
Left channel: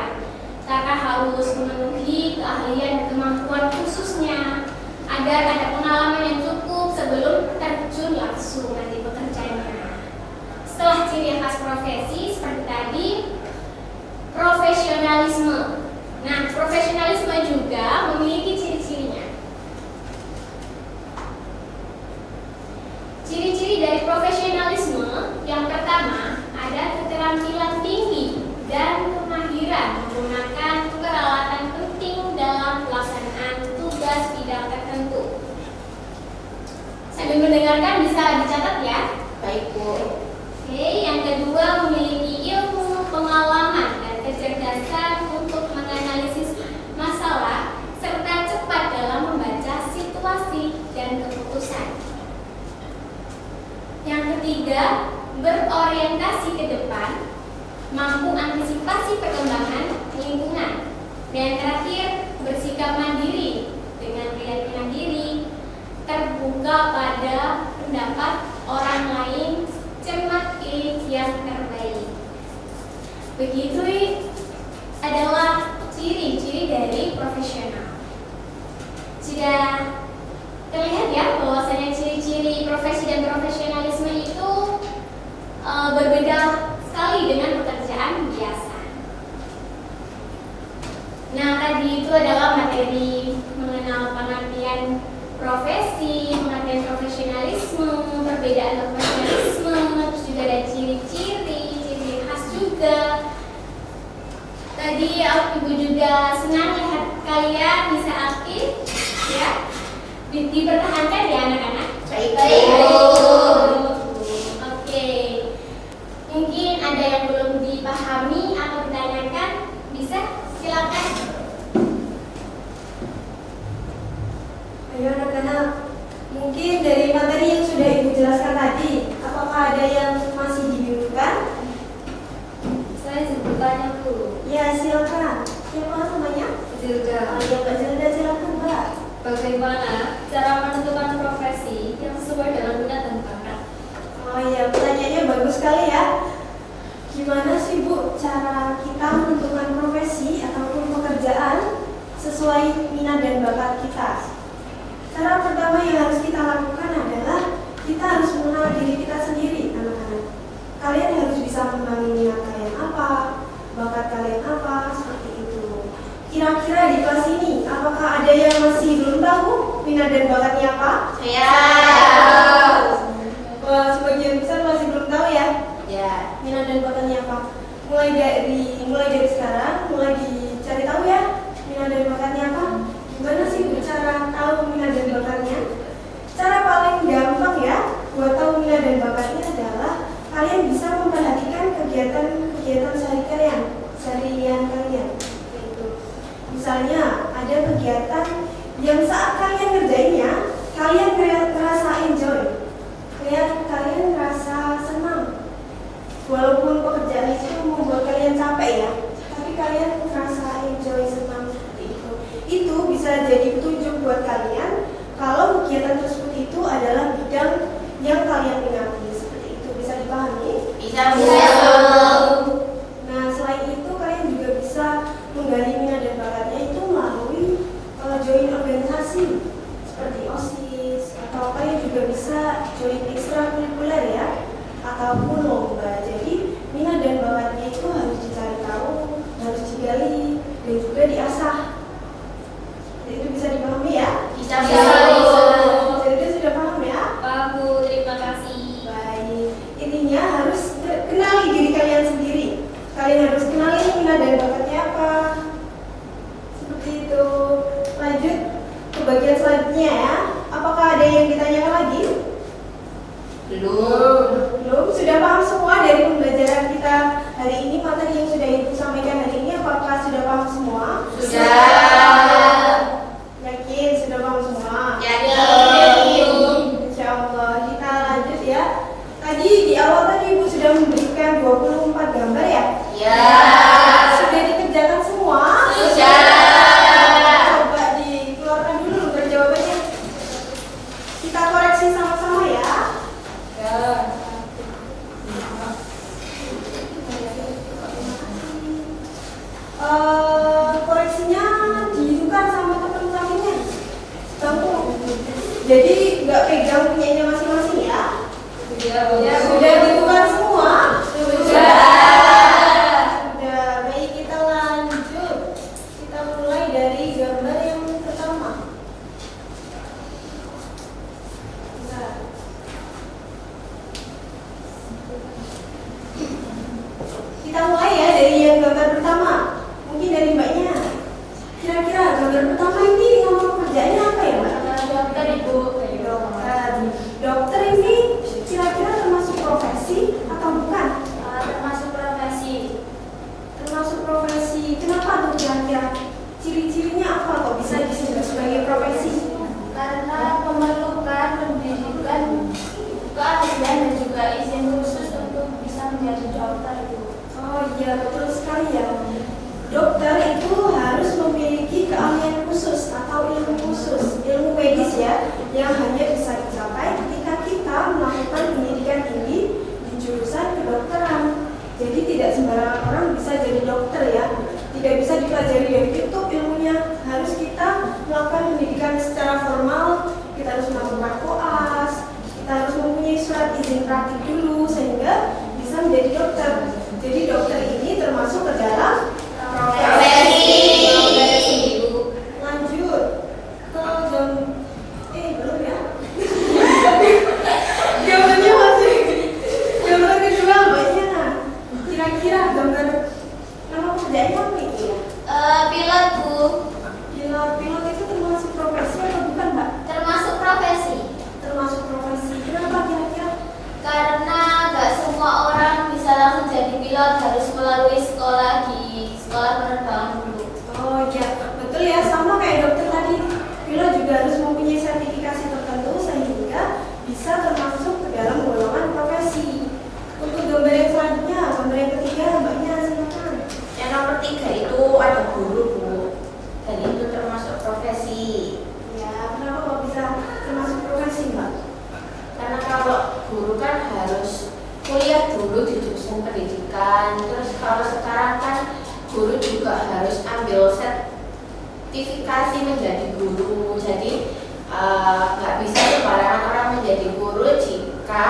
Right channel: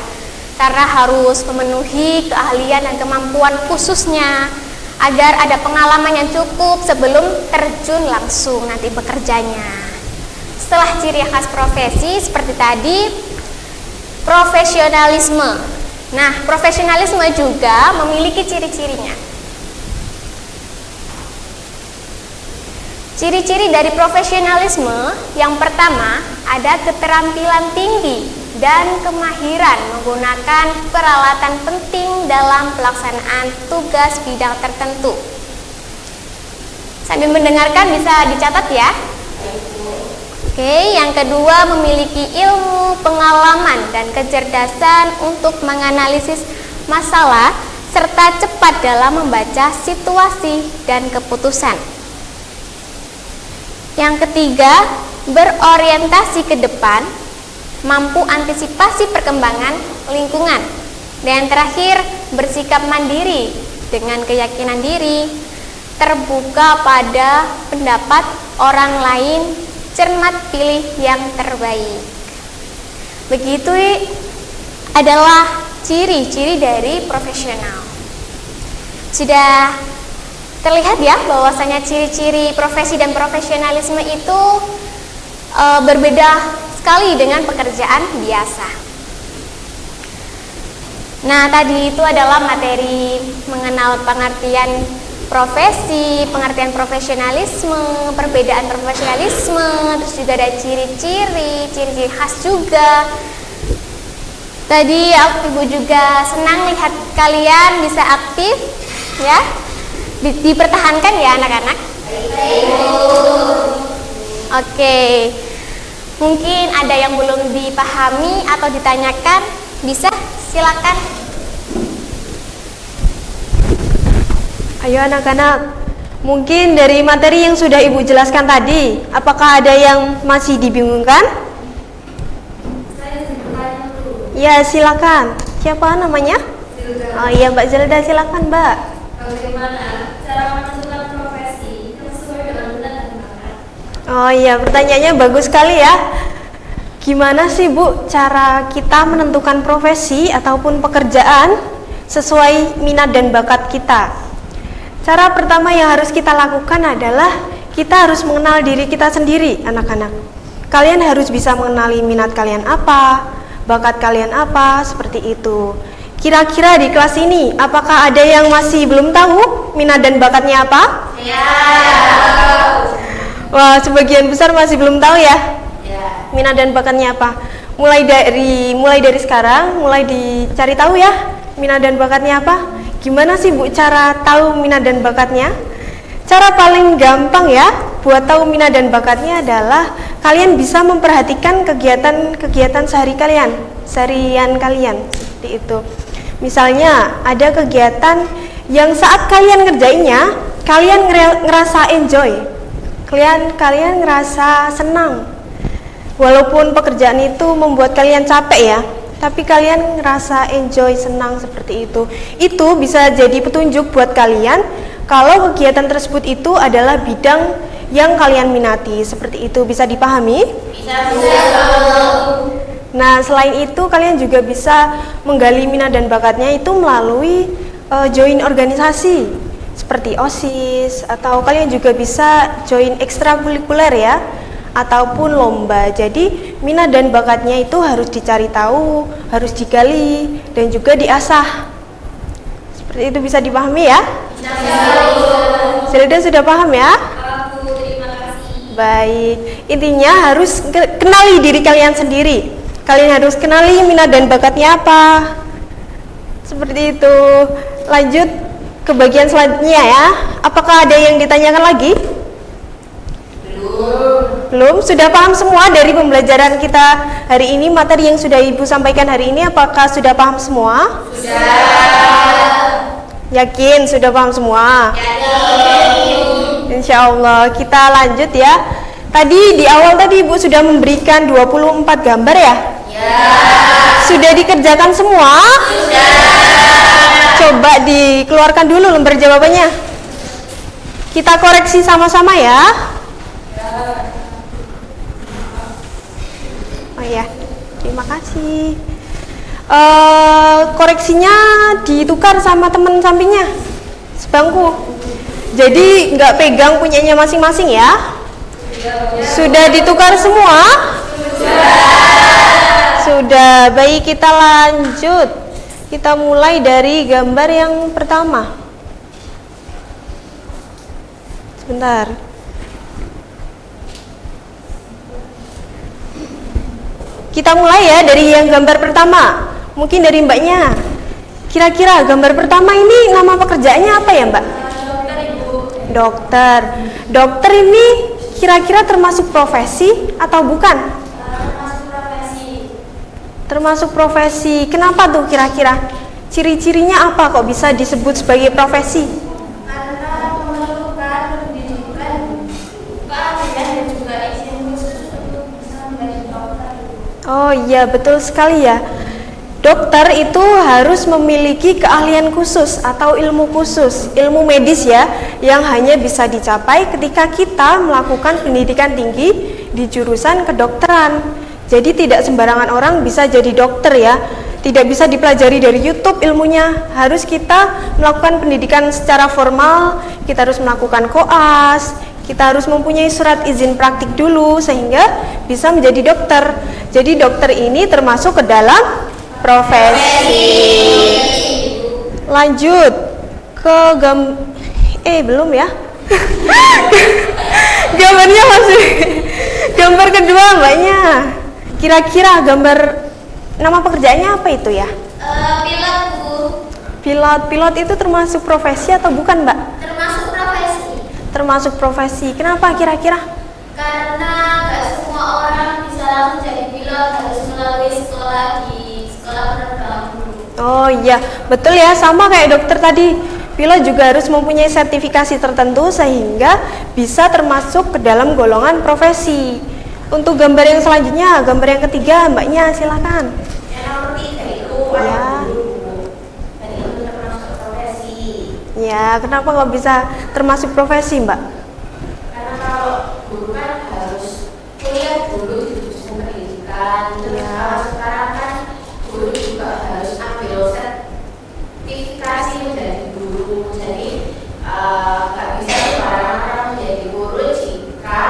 Karena harus memenuhi keahlian dan kemampuan khususnya agar ada pengalaman yang cukup sebelum terjun langsung nanti bekerjanya. Setelah ciri khas profesi seperti tadi, profesionalisme. Nah, profesionalisme juga memiliki ciri-cirinya. Ciri-ciri dari profesionalisme yang pertama ada keterampilan tinggi dan kemahiran menggunakan peralatan penting dalam pelaksanaan tugas bidang tertentu. Sambil mendengarkan bisa dicatat ya. Oke, yang kedua memiliki ilmu, pengalaman, dan kecerdasan untuk menganalisis masalah serta cepat dalam membaca situasi dan keputusan. Yang ketiga, berorientasi ke depan, mampu antisipasi perkembangan lingkungan. Dan yang terakhir, bersikap mandiri dengan keyakinan diri, terbuka pada pendapat orang lain cermat pilih yang terbaik. Begitu adalah ciri-ciri dari profesional. Sudah terlihat ya bahwasanya ciri-ciri profesi dan profesionalisme itu berbeda sekali dengan pekerjaan biasa. Nah, tadi itu adalah materi mengenal pengertian profesi, pengertian profesionalisme, perbedaan profesionalisme, terus juga ada ciri-ciri khas juga. Tadi aku juga senang lihat kalian bisa aktif ya. Dipertahankan ya anak-anak. Oke. Mungkin ada yang belum dipahami atau ditanyakan, bisa silakan. Ayo anak-anak, mungkin dari materi yang sudah Ibu jelaskan tadi, apakah ada yang masih dibingungkan? Saya bertanya dulu. Ya, silakan. Siapa namanya? Oh iya, Mbak Zelda, silakan Mbak. Bagaimana cara menentukan profesi yang sesuai dengan minat dan bakat? Oh iya, pertanyaannya bagus sekali ya. Gimana sih Bu cara kita menentukan profesi ataupun pekerjaan sesuai minat dan bakat kita? Cara pertama yang harus kita lakukan adalah kita harus mengenal diri kita sendiri, anak-anak. Kalian harus bisa mengenali minat kalian apa, bakat kalian apa, seperti itu. Kira-kira di kelas ini, apakah ada yang masih belum tahu minat dan bakatnya apa? Ya. Wah, sebagian besar masih belum tahu ya. Ya. Minat dan bakatnya apa? Mulai dari sekarang, mulai dicari tahu ya minat dan bakatnya apa. Gimana sih Bu cara tahu minat dan bakatnya? Cara paling gampang ya buat tahu minat dan bakatnya adalah kalian bisa memperhatikan kegiatan seharian kalian seperti itu. Misalnya ada kegiatan yang saat kalian ngerjainnya, kalian ngerasa enjoy, kalian ngerasa senang. Walaupun pekerjaan itu membuat kalian capek ya, tapi kalian ngerasa enjoy, senang seperti itu. Itu bisa jadi petunjuk buat kalian kalau kegiatan tersebut itu adalah bidang yang kalian minati. Seperti itu, bisa dipahami? Nah, selain itu kalian juga bisa menggali minat dan bakatnya itu melalui join organisasi seperti OSIS, atau kalian juga bisa join ekstrakurikuler ya, ataupun lomba. Jadi minat dan bakatnya itu harus dicari tahu, harus digali dan juga diasah. Seperti itu, bisa dipahami ya? Sudah paham ya? Aku terima kasih. Baik, intinya harus kenali diri kalian sendiri. Kalian harus kenali minat dan bakatnya apa. Seperti itu. Lanjut ke bagian selanjutnya ya. Apakah ada yang ditanyakan lagi? Belum? Sudah paham semua dari pembelajaran kita hari ini, materi yang sudah Ibu sampaikan hari ini? Apakah sudah paham semua? Sudah. Yakin sudah paham semua? Yakin. Insya Allah. Kita lanjut ya. Tadi di awal Ibu sudah memberikan 24 gambar ya? Ya. Sudah dikerjakan semua? Sudah. Coba dikeluarkan dulu lembar jawabannya. Kita koreksi sama-sama ya. Oh ya, terima kasih. Koreksinya ditukar sama teman sampingnya sebangku. Jadi nggak pegang punyanya masing-masing ya. Sudah ditukar semua? Sudah. Baik, kita lanjut. Kita mulai dari gambar yang pertama. Sebentar. Kita mulai ya dari yang gambar pertama. Mungkin dari Mbaknya. Kira-kira gambar pertama ini nama pekerjaannya apa ya Mbak? Dokter. Dokter ini kira-kira termasuk profesi atau bukan? Termasuk profesi. Kenapa tuh kira-kira? Ciri-cirinya apa kok bisa disebut sebagai profesi? Karena memerlukan pendidikan dan juga izin khusus untuk bisa menjadi dokter. Oh iya, betul sekali ya. Dokter itu harus memiliki keahlian khusus atau ilmu khusus, ilmu medis ya, yang hanya bisa dicapai ketika kita melakukan pendidikan tinggi di jurusan kedokteran. Jadi tidak sembarangan orang bisa jadi dokter ya. Tidak bisa dipelajari dari YouTube ilmunya. Harus kita melakukan pendidikan secara formal, kita harus melakukan koas, kita harus mempunyai surat izin praktik dulu sehingga bisa menjadi dokter. Jadi dokter ini termasuk ke dalam profesi. Lanjut ke belum ya. Gambarnya masih gambar kedua mbaknya. Kira-kira gambar nama pekerjaannya apa itu ya? Pilot, Bu. Pilot itu termasuk profesi atau bukan mbak? Termasuk profesi. Termasuk profesi. Kenapa kira-kira? Karena nggak semua orang bisa langsung jadi pilot, harus melalui sekolah di sekolah penerbang dulu. Oh iya, betul ya, sama kayak dokter tadi. Pilot juga harus mempunyai sertifikasi tertentu sehingga bisa termasuk ke dalam golongan profesi. Untuk gambar yang selanjutnya, gambar yang ketiga, mbaknya silakan. Yang nomor 3 itu guru, Bu. Dan itu termasuk profesi. Ya, kenapa nggak bisa termasuk profesi, mbak? Karena kalau guru kan harus kuliah dulu di jurusan pendidikan. Terus kalau sekarang kan guru juga harus ambil sertifikasi menjadi guru. Jadi nggak bisa sembarangan orang menjadi guru jika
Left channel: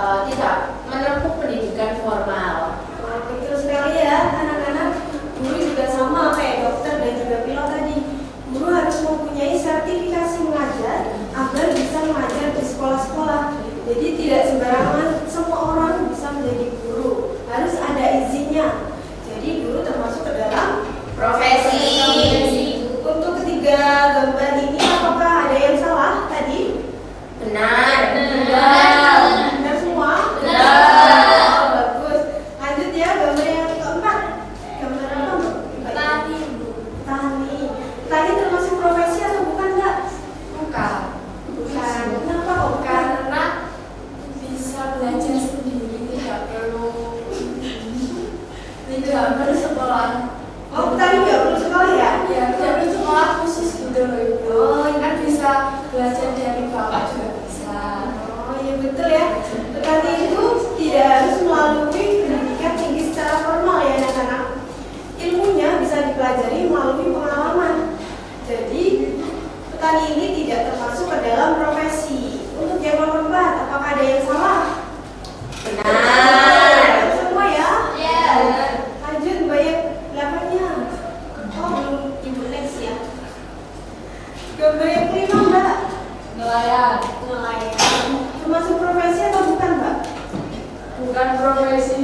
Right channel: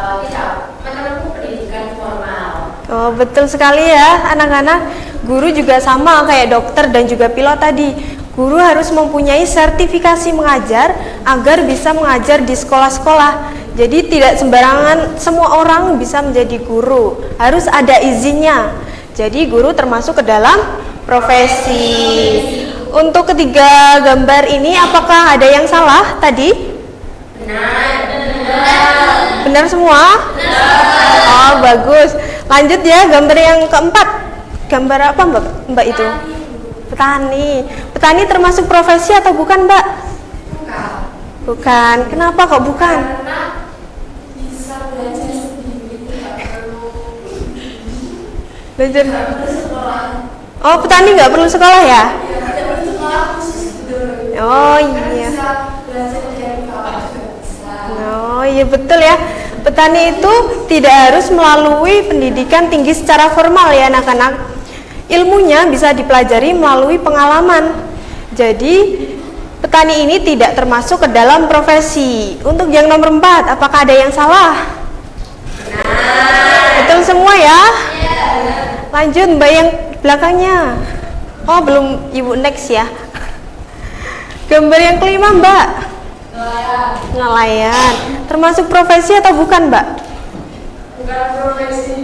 tidak menempuh pendidikan formal. Oh, betul sekali ya anak-anak. Guru juga sama kayak dokter dan juga pilot tadi. Guru harus mempunyai sertifikasi mengajar agar bisa mengajar di sekolah-sekolah. Jadi tidak sembarangan semua orang bisa menjadi guru. Harus ada izinnya. Jadi guru termasuk ke dalam profesi. Untuk ketiga gambar ini apakah ada yang salah tadi? Benar. Benar semua? Oh, bagus. Lanjut ya, gambar yang keempat. Gambar apa mbak itu? Petani. Petani termasuk profesi atau bukan mbak? Bukan. Kenapa kok bukan? Karena bisa belajar sendiri, tidak perlu Belajar. bersekolah. Oh, petani nggak perlu sekolah ya? Tidak sekolah khusus sebenarnya. Oh iya. Bisa belajar dari bawah juga bisa. Oh iya betul ya. Petani itu tidak harus melalui pendidikan tinggi secara formal ya anak-anak. Ilmunya bisa dipelajari melalui pengalaman. Jadi petani ini tidak termasuk ke dalam profesi. Untuk yang nomor 4, apakah ada yang salah? Betul semua ya? Lanjut mbak yang belakangnya. Oh belum ibu next ya. Gambar yang kelima mbak. Nelayan. Termasuk profesi atau bukan mbak? Bukan profesi.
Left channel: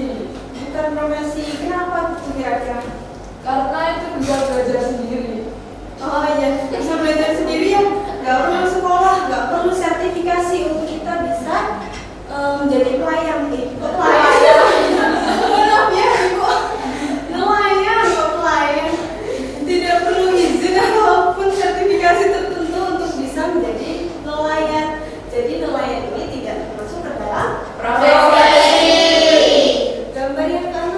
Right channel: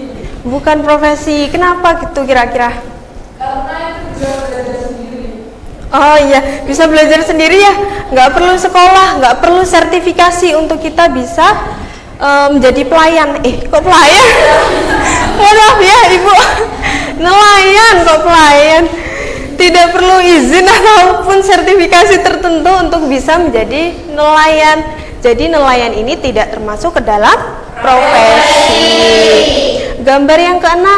Bukan profesi. Kenapa gitu kira-kira? Karena itu bisa belajar sendiri. Oh iya, bisa belajar sendiri ya. Nggak perlu sekolah, nggak perlu sertifikasi untuk kita bisa menjadi pelayan. Kok pelayan? Maaf ya ibu. Nelayan kok pelayan. Tidak perlu izin ataupun sertifikasi tertentu untuk bisa menjadi nelayan. Jadi nelayan ini tidak termasuk ke dalam profesi. Gambar yang ke-6,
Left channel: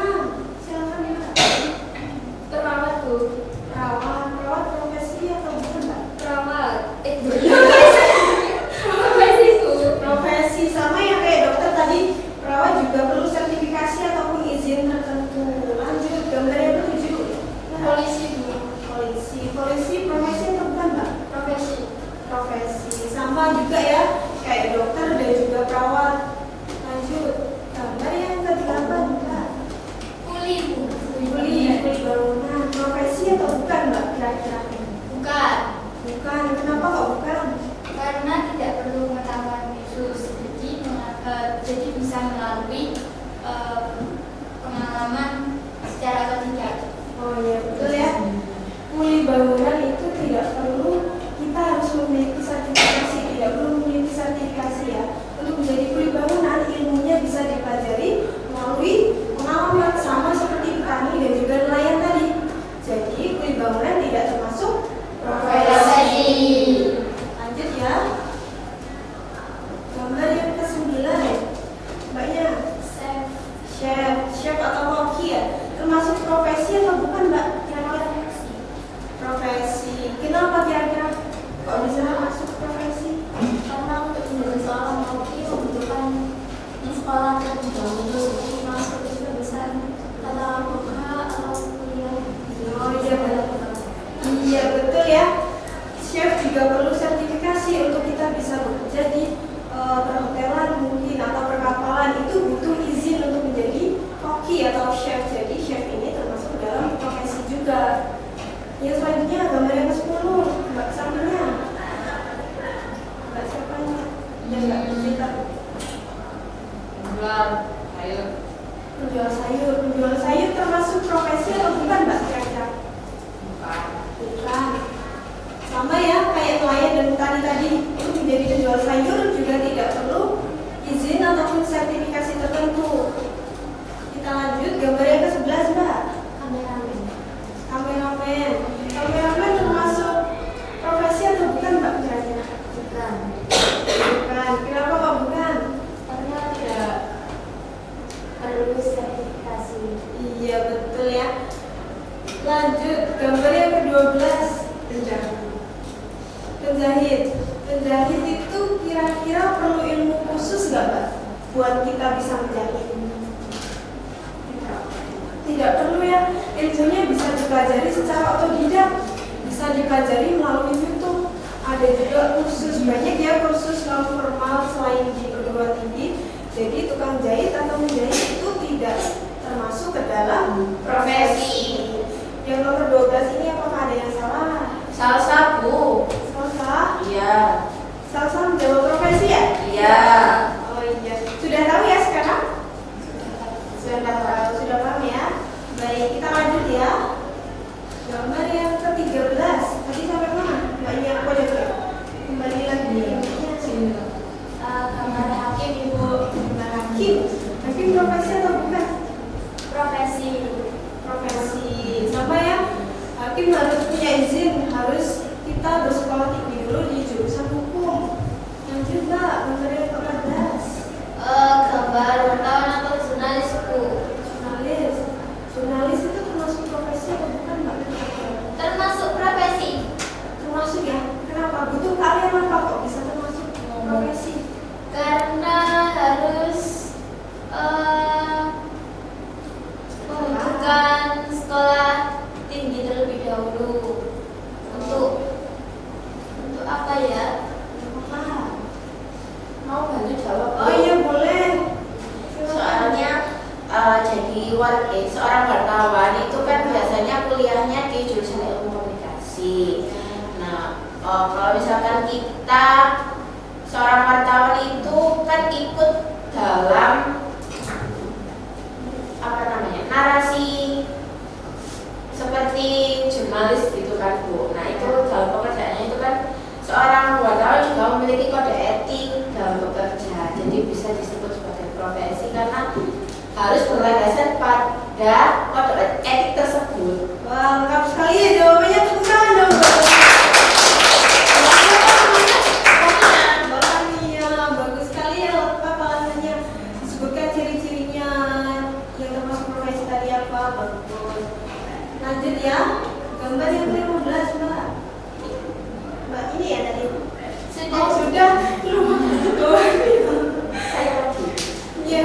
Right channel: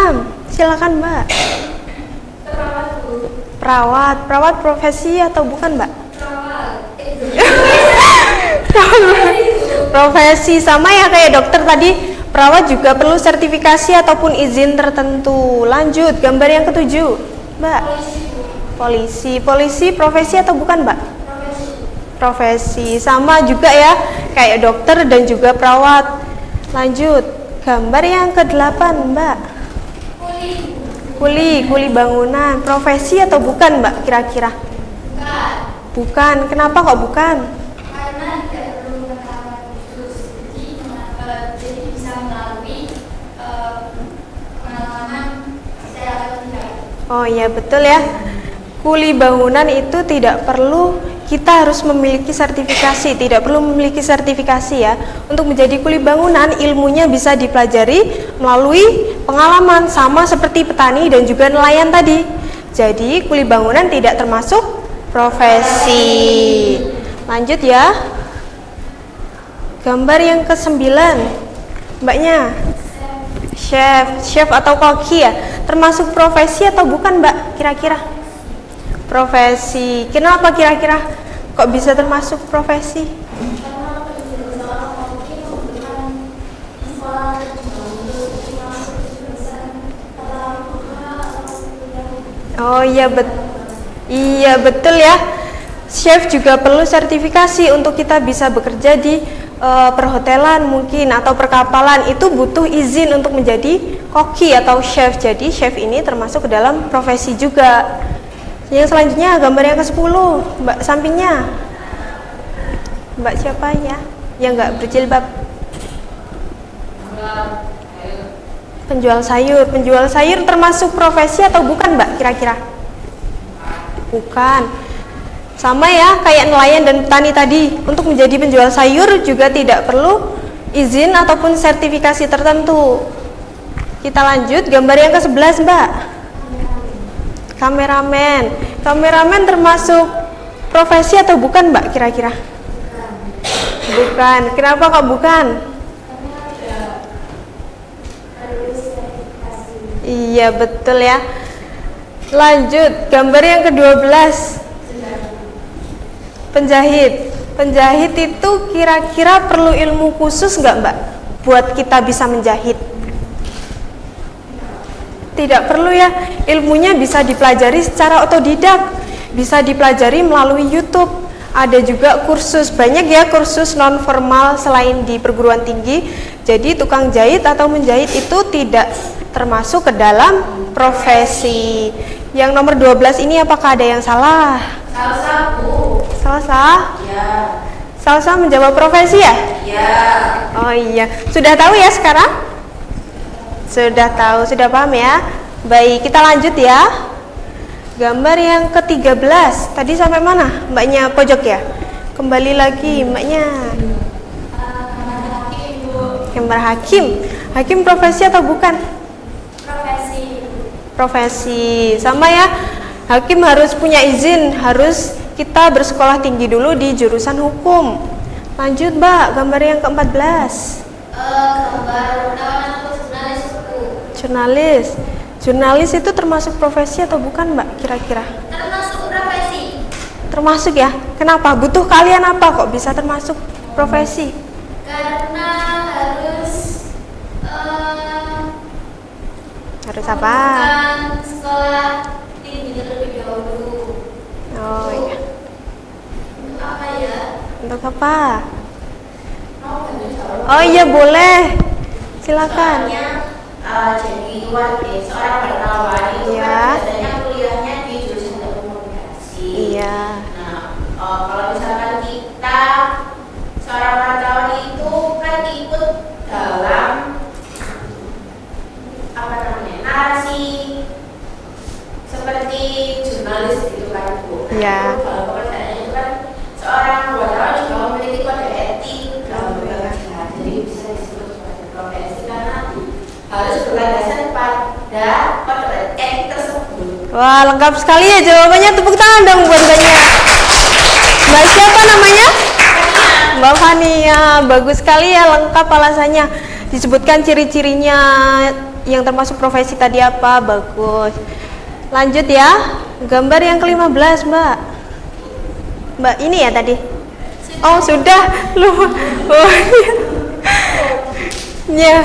silakan mbak. Perawat profesi atau bukan mbak? Profesi sama ya kayak dokter tadi. Perawat juga perlu sertifikasi ataupun izin tertentu. Lanjut, gambar yang ke-7 mbak. Polisi profesi atau bukan mbak? Profesi sama juga ya kayak dokter dan juga perawat. Lanjut, gambar yang ke-8 mbak. Kuli bangunan, profesi atau bukan mbak kira-kira? Bukan. Kenapa kok bukan? Karena tidak perlu pengetahuan khusus, jadi bisa melalui pengalaman secara tidak. Oh iya betul ya. Kuli bangunan itu tidak perlu kita harus memiliki sertifikasi, tidak perlu memiliki sertifikasi ya. Untuk menjadi kuli bangunan ilmunya bisa dipelajari melalui pengalaman sama seperti petani dan juga nelayan tadi. Jadi kuli bangunan tidak termasuk profesi. Lanjut ya. Gambar yang ke-9 mbaknya. Chef atau koki ya. Termasuk profesi atau bukan mbak kira-kira? Profesi. Kenapa kira-kira kok bisa termasuk profesi? Karena sekolah Iya betul ya. Chef juga perlu sertifikasi untuk kita bisa bekerja di perhotelan mungkin atau perkapalan. Itu butuh izin untuk menjadi koki atau chef. Jadi chef ini termasuk ke dalam profesi juga. Yang selanjutnya gambar yang ke-10, Mbak sampingnya. Mbak siapa ya? Yang nggak berjilbab. Penjual sayur. Penjual sayur termasuk profesi atau bukan, Mbak, kira-kira? Bukan. Sama ya, kayak nelayan dan petani tadi. Untuk menjadi penjual sayur juga tidak perlu izin ataupun sertifikasi tertentu. Kita lanjut, gambar yang ke-11, Mbak. Kameramen. Kameramen termasuk profesi atau bukan, Mbak, kira-kira? Bukan. Kenapa kok bukan? Iya betul ya. Lanjut, gambar yang ke-12. Penjahit. Penjahit itu kira-kira perlu ilmu khusus nggak, Mbak, buat kita bisa menjahit? Tidak perlu ya. Ilmunya bisa dipelajari secara otodidak, bisa dipelajari melalui YouTube. Ada juga kursus, banyak ya kursus non formal selain di perguruan tinggi. Jadi tukang jahit atau menjahit itu tidak termasuk ke dalam profesi. Yang nomor 12 ini apakah ada yang salah? Salah, Bu. Salah? Ya. Salah menjawab profesi ya? Ya. Oh iya, sudah tahu ya sekarang? Sudah tahu, sudah paham ya? Baik, kita lanjut ya. Gambar yang ke-13, tadi sampai mana? Mbaknya pojok ya? Kembali lagi mbaknya. Gambar hakim, Bu. Gambar hakim. Hakim profesi atau bukan? Profesi. Profesi, sama ya. Hakim harus punya izin, harus kita bersekolah tinggi dulu di jurusan hukum. Lanjut, Mbak, gambar yang ke-14. Gambar wartawan atau jurnalis, Bu. Jurnalis. Jurnalis itu termasuk profesi atau bukan, Mbak, kira-kira? Termasuk profesi. Termasuk ya. Kenapa? Butuh kalian apa kok bisa termasuk profesi? Karena harus Harus apa? bukan sekolah tinggi terlebih dahulu. Oh, iya. Untuk apa ya? Untuk apa? Mau dari jawab? Oh iya, boleh. Silakan. Jadi seorang wartawan itu Ya. kan biasanya kuliahnya di jurusan ilmu komunikasi. Iya. Nah, kalau misalkan kita seorang wartawan itu kan ikut dalam apa namanya narasi seperti jurnalis gitu kan, Bu. Nah, Iya. itu dalam konteks itu kan seorang wartawan juga memiliki kode etik dalam bekerja. Jadi bisa disebut sebagai profesi karena harus berlandaskan pada kode etik tersebut. Wah, lengkap sekali ya jawabannya. Tepuk tangan dong buat Mbaknya. Mbak siapa namanya? Mbak Fania. Bagus sekali ya, lengkap alasannya. Disebutkan ciri-cirinya yang termasuk profesi tadi apa. Bagus. Lanjut ya. Gambar yang ke-15, Mbak. Mbak ini ya tadi? Oh, sudah. Lupa. Oh, iya.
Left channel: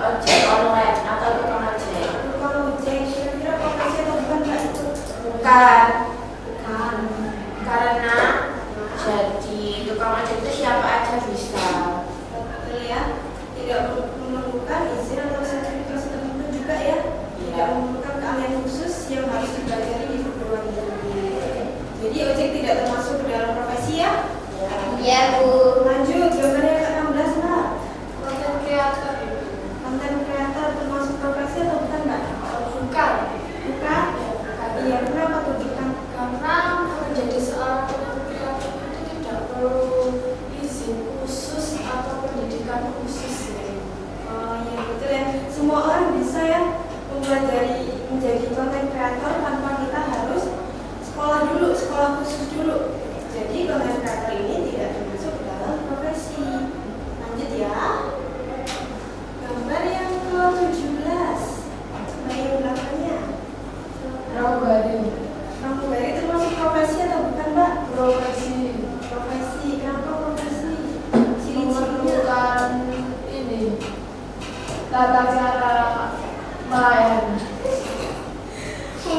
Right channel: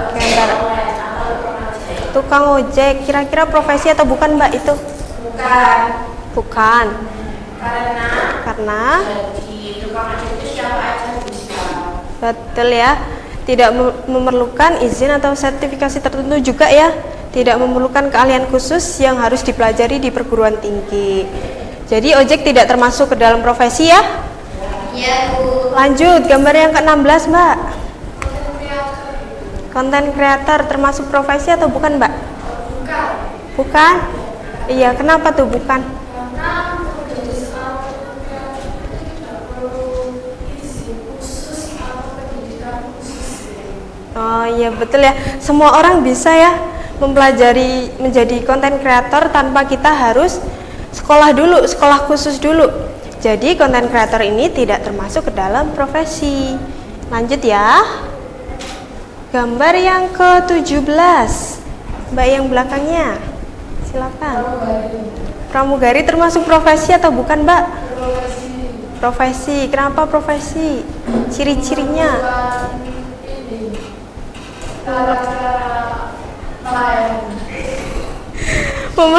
Gambar online atau tukang ojek. Tukang ojek. Kira-kira profesi atau bukan, Mbak, itu? Bukan, Bukan. karena Karena jadi tukang ojek itu siapa aja bisa. betul ya. Tidak memerlukan izin atau sertifikasi tertentu juga ya. Tidak memerlukan keahlian khusus yang harus dipelajari di perguruan tinggi. Jadi ojek tidak termasuk ke dalam profesi ya. Iya, Bu. Lanjut, gambar yang ke-16, Mbak. Konten kreator termasuk profesi atau bukan, Mbak? Bukan. Bukan? Iya, kenapa tuh bukan? Karena menjadi seorang konten kreator itu tidak perlu izin khusus atau pendidikan khusus. Oh iya betul ya. Semua orang bisa ya mempelajari menjadi konten kreator tanpa kita harus sekolah dulu, sekolah khusus dulu. Jadi konten kreator ini tidak termasuk ke dalam profesi. Lanjut ya. Gambar yang ke-17. Mbak yang belakangnya. Silakan. Pramugari termasuk profesi atau bukan, Mbak? Profesi. Profesi. Kenapa profesi? Ciri-cirinya. Ini cara-cara lain.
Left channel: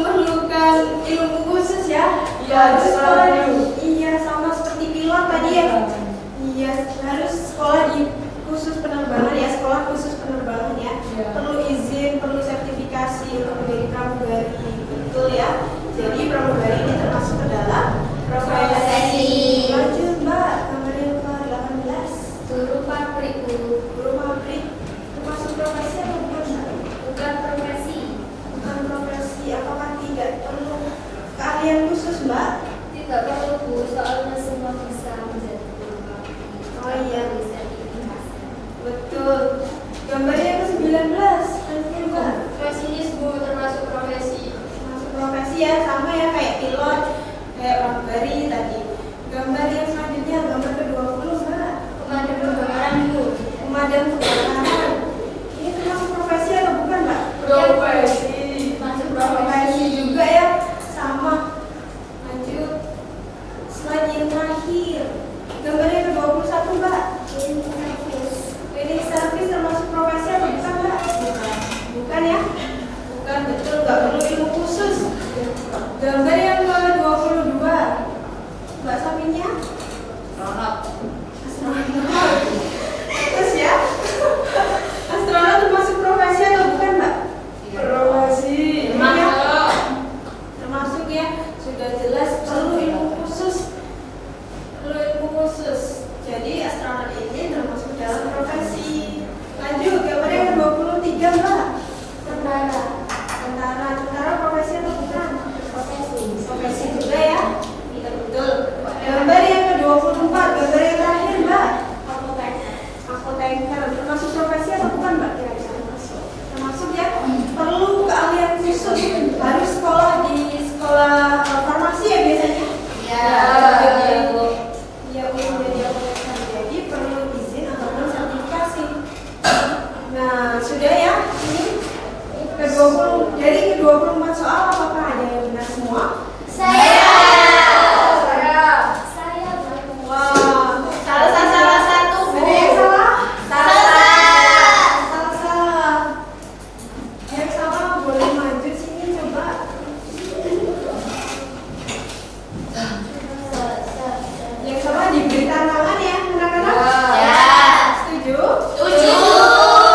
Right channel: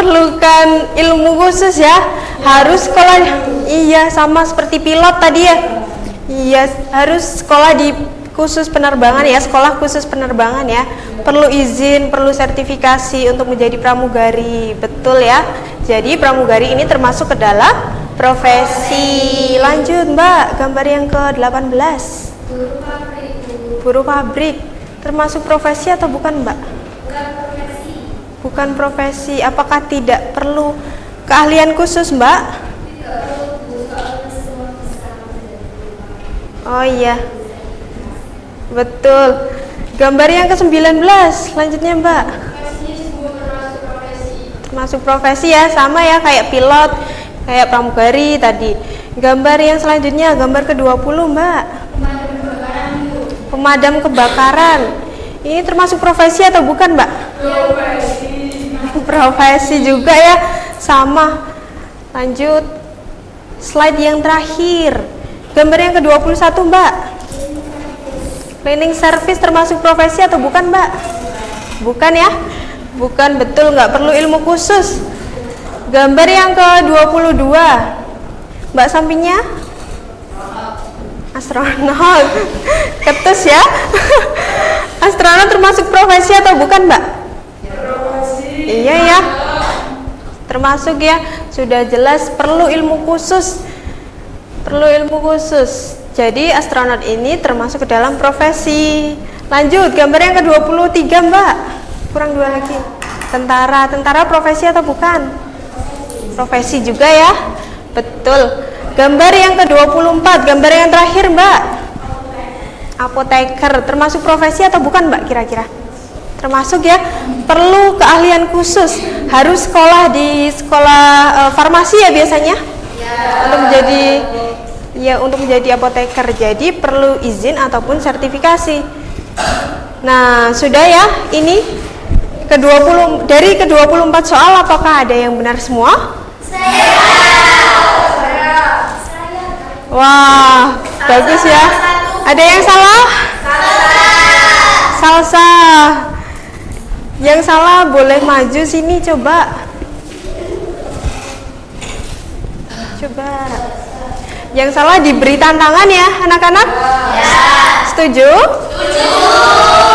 memerlukan ilmu khusus ya, harus sekolah. Iya, sama seperti pilot tadi ya. Iya, harus sekolah di khusus penerbangan ya, sekolah khusus penerbangan ya. Perlu izin, perlu sertifikasi untuk menjadi pramugari. Betul ya. Jadi pramugari ini termasuk ke dalam profesi. Lanjut Mbak, gambar yang ke-18. Guru pabrik, Bu. Guru pabrik termasuk profesi atau bukan Mbak? Bukan profesi. Bukan profesi. Apakah tidak perlu keahlian khusus Mbak? Tidak perlu, Bu, soalnya semua bisa menjadi guru pabrik. Oh iya, betul. Gambar yang ke-19, selanjutnya Mbak. Profesi, Bu, termasuk profesi. Masuk profesi ya, sama ya kayak pilot, kayak pramugari tadi. Gambar yang selanjutnya, gambar ke-20 Mbak. Pemadam kebakaran, Bu. Pemadam kebakaran. Ini termasuk profesi atau bukan Mbak? Profesi. Profesi juga ya, sama. Lanjut, slide yang terakhir. Gambar yang ke-21 Mbak. Cleaning service termasuk profesi atau bukan Mbak? Bukan ya? Bukan, betul, nggak perlu ilmu khusus. Gambar yang ke-22 Mbak sampingnya? Astronot. Ketus ya. Astronot termasuk profesi atau bukan Mbak? Iya ya, termasuk ya, sudah jelas perlu ilmu khusus. Perlu ilmu khusus. Jadi astronot ini termasuk ke dalam profesi. Lanjut, gambar yang ke-23 Mbak. Kurang 2 lagi. Tentara profesi atau bukan? Profesi juga ya. Betul. Gambar yang ke-24, gambar yang terakhir Mbak. Apoteker termasuk profesi atau bukan Mbak kira-kira? Termasuk ya, perlu keahlian khusus, harus sekolah di sekolah farmasi ya biasanya. Untuk menjadi apoteker, jadi perlu izin ataupun sertifikasi. Nah, sudah ya, ini dari ke-24 soal, apakah ada yang benar semua? Wah, bagus ya. Ada yang salah? Salah. Yang salah boleh maju sini coba. Yang salah diberi tantangan ya, anak-anak? Ya. Setuju?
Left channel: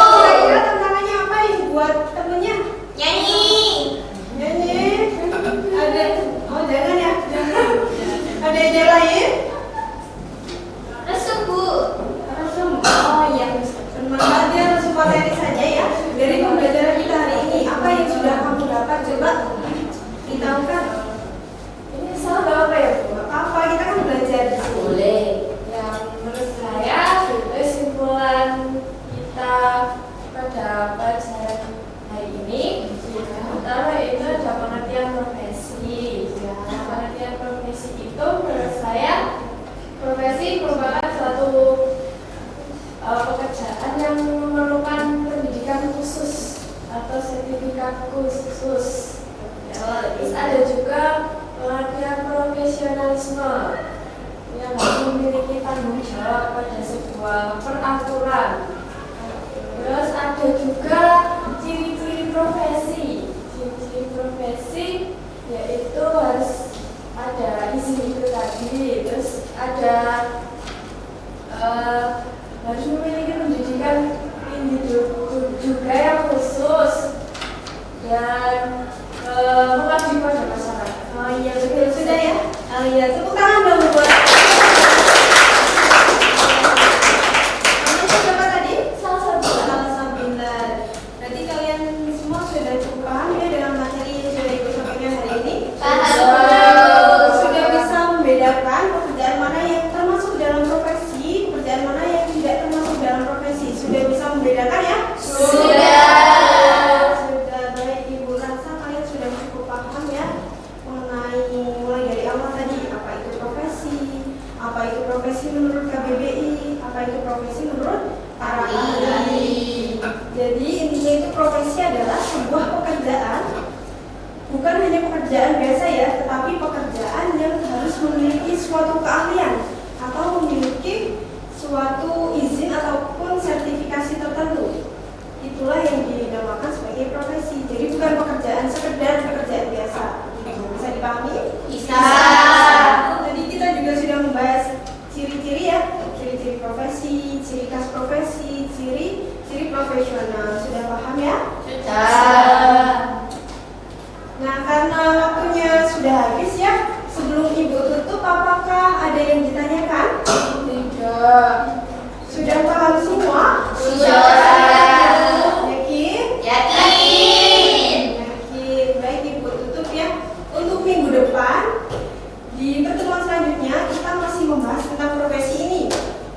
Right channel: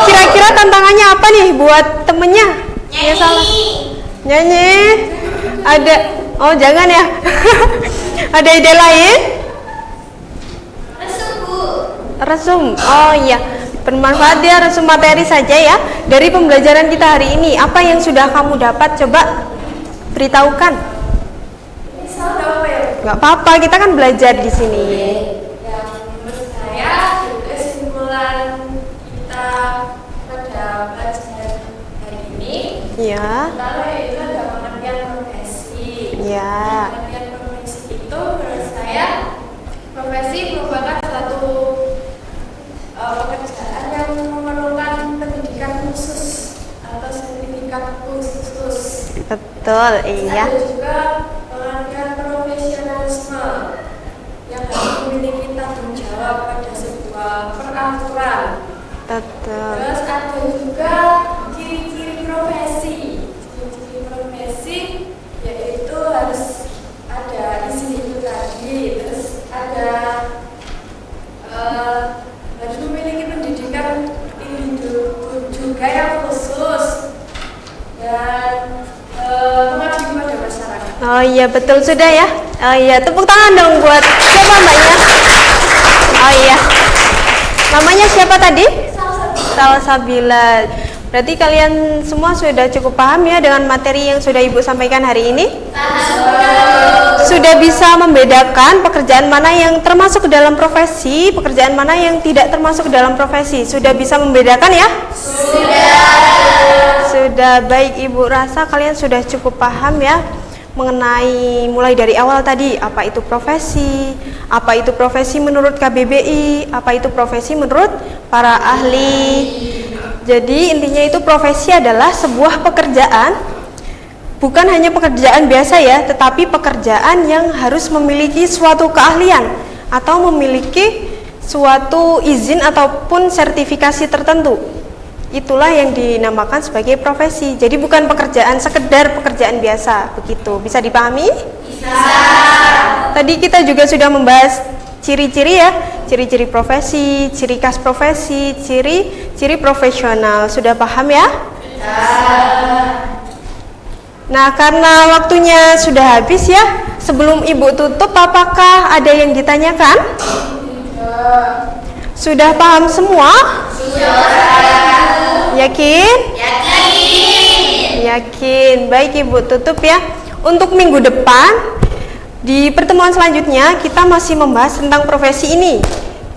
Kira-kira tantangannya apa nih buat temennya? Nyanyi. Ada? Oh jangan ya. Ada ide lain? Resum. Oh iya, bermanfaat ya, resum materi saja ya. Dari pembelajaran kita hari ini, apa yang sudah kamu dapat? Coba beritahukan. Gak apa-apa, kita kan belajar di sini. Yang menurut saya kesimpulan kita pada pelajaran hari ini, Ya. pertama itu adalah pengertian profesi. Ya. Pengertian profesi itu menurut saya profesi merupakan satu pekerjaan yang memerlukan pendidikan khusus atau sertifikat khusus. Betul, iya. Ada juga pengertian profesionalisme yang memiliki tanggung jawab pada sebuah peraturan. Betul. Terus ada juga ciri-ciri profesi. Ciri-ciri profesi yaitu harus ada izin tadi, terus ada harus memiliki pendidikan juga yang khusus dan mengabdi pada masyarakat. Oh iya, betul sudah ya. Oh iya, tepuk tangan dong buat siapa mbaknya? Oh iya. Namanya siapa tadi? Salsabila. Berarti kalian semua sudah cukup paham ya dengan materi yang sudah Ibu sampaikan hari ini? Sudah bisa membedakan pekerjaan mana yang termasuk ke dalam profesi, pekerjaan mana yang tidak termasuk ke dalam profesi. Sudah bisa membedakan ya? Sudah, baik Ibu rasa kalian sudah cukup paham ya mengenai mulai dari awal tadi, apa itu profesi, apa itu profesi menurut KBBI, apa itu profesi menurut para ahli. Jadi intinya itu profesi adalah sebuah pekerjaan, bukan hanya pekerjaan biasa ya, tetapi pekerjaan yang harus memiliki suatu keahlian atau memiliki suatu izin ataupun sertifikasi tertentu. Itulah yang dinamakan sebagai profesi. Jadi bukan pekerjaan sekedar pekerjaan biasa, begitu. Bisa dipahami? Bisa. Tadi kita juga sudah membahas ciri-ciri ya, ciri-ciri profesi, ciri khas profesi, ciri profesional. Sudah paham ya? Bisa. Nah, karena waktunya sudah habis ya, sebelum Ibu tutup, apakah ada yang ditanyakan? Sudah paham semua? Sudah. Yakin? Yakin. Baik, Ibu tutup ya. Untuk minggu depan, di pertemuan selanjutnya kita masih membahas tentang profesi ini.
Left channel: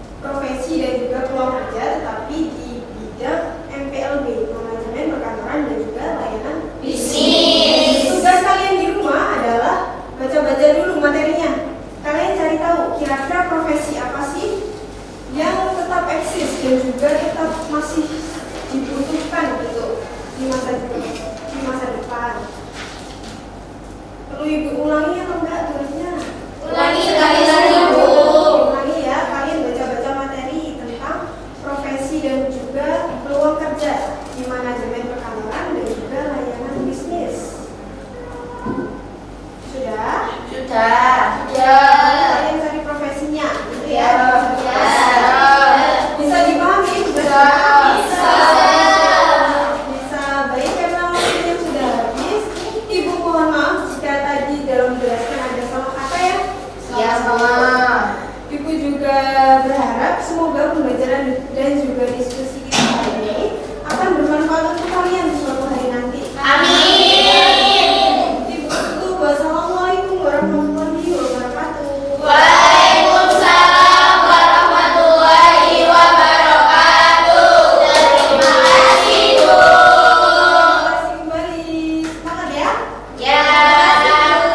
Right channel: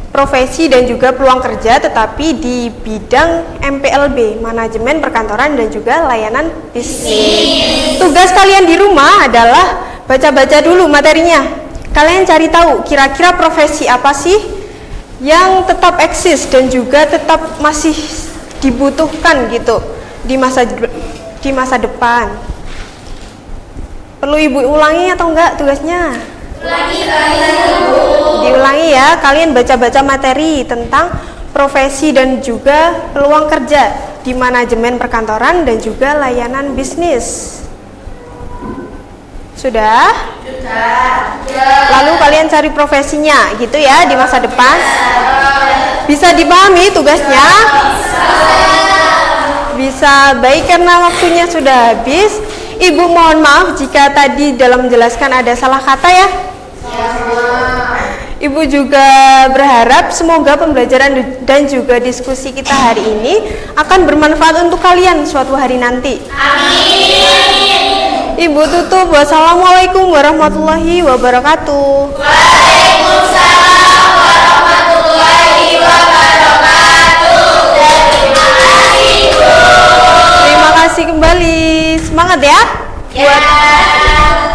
Profesi dan juga peluang kerja, tetapi di bidang MPLB, manajemen perkantoran dan juga layanan bisnis. Tugas kalian di rumah adalah baca-baca dulu materinya. Kalian cari tahu kira-kira profesi apa sih yang tetap eksis dan juga tetap masih dibutuhkan gitu di masa depan. Perlu Ibu ulangi atau enggak tugasnya? Diulangi ya, kalian baca-baca materi tentang profesi dan juga peluang kerja di manajemen perkantoran dan juga layanan bisnis. Sudah? Lalu kalian cari profesinya gitu ya di masa depan. Bisa dipahami tugasnya? Bisa. Baik, karena waktunya sudah habis, Ibu mohon maaf jika tadi dalam menjelaskan ada salah kata ya. Ibu juga berharap semoga pembelajaran dan juga diskusi kita hari ini akan bermanfaat untuk kalian suatu hari nanti. Amin. Ibu tutup. Wassalamualaikum warahmatullahi wabarakatuh. Waalaikumsalam warahmatullahi wabarakatuh. Terima kasih, Bu. Terima kasih kembali. Semangat ya. Ya.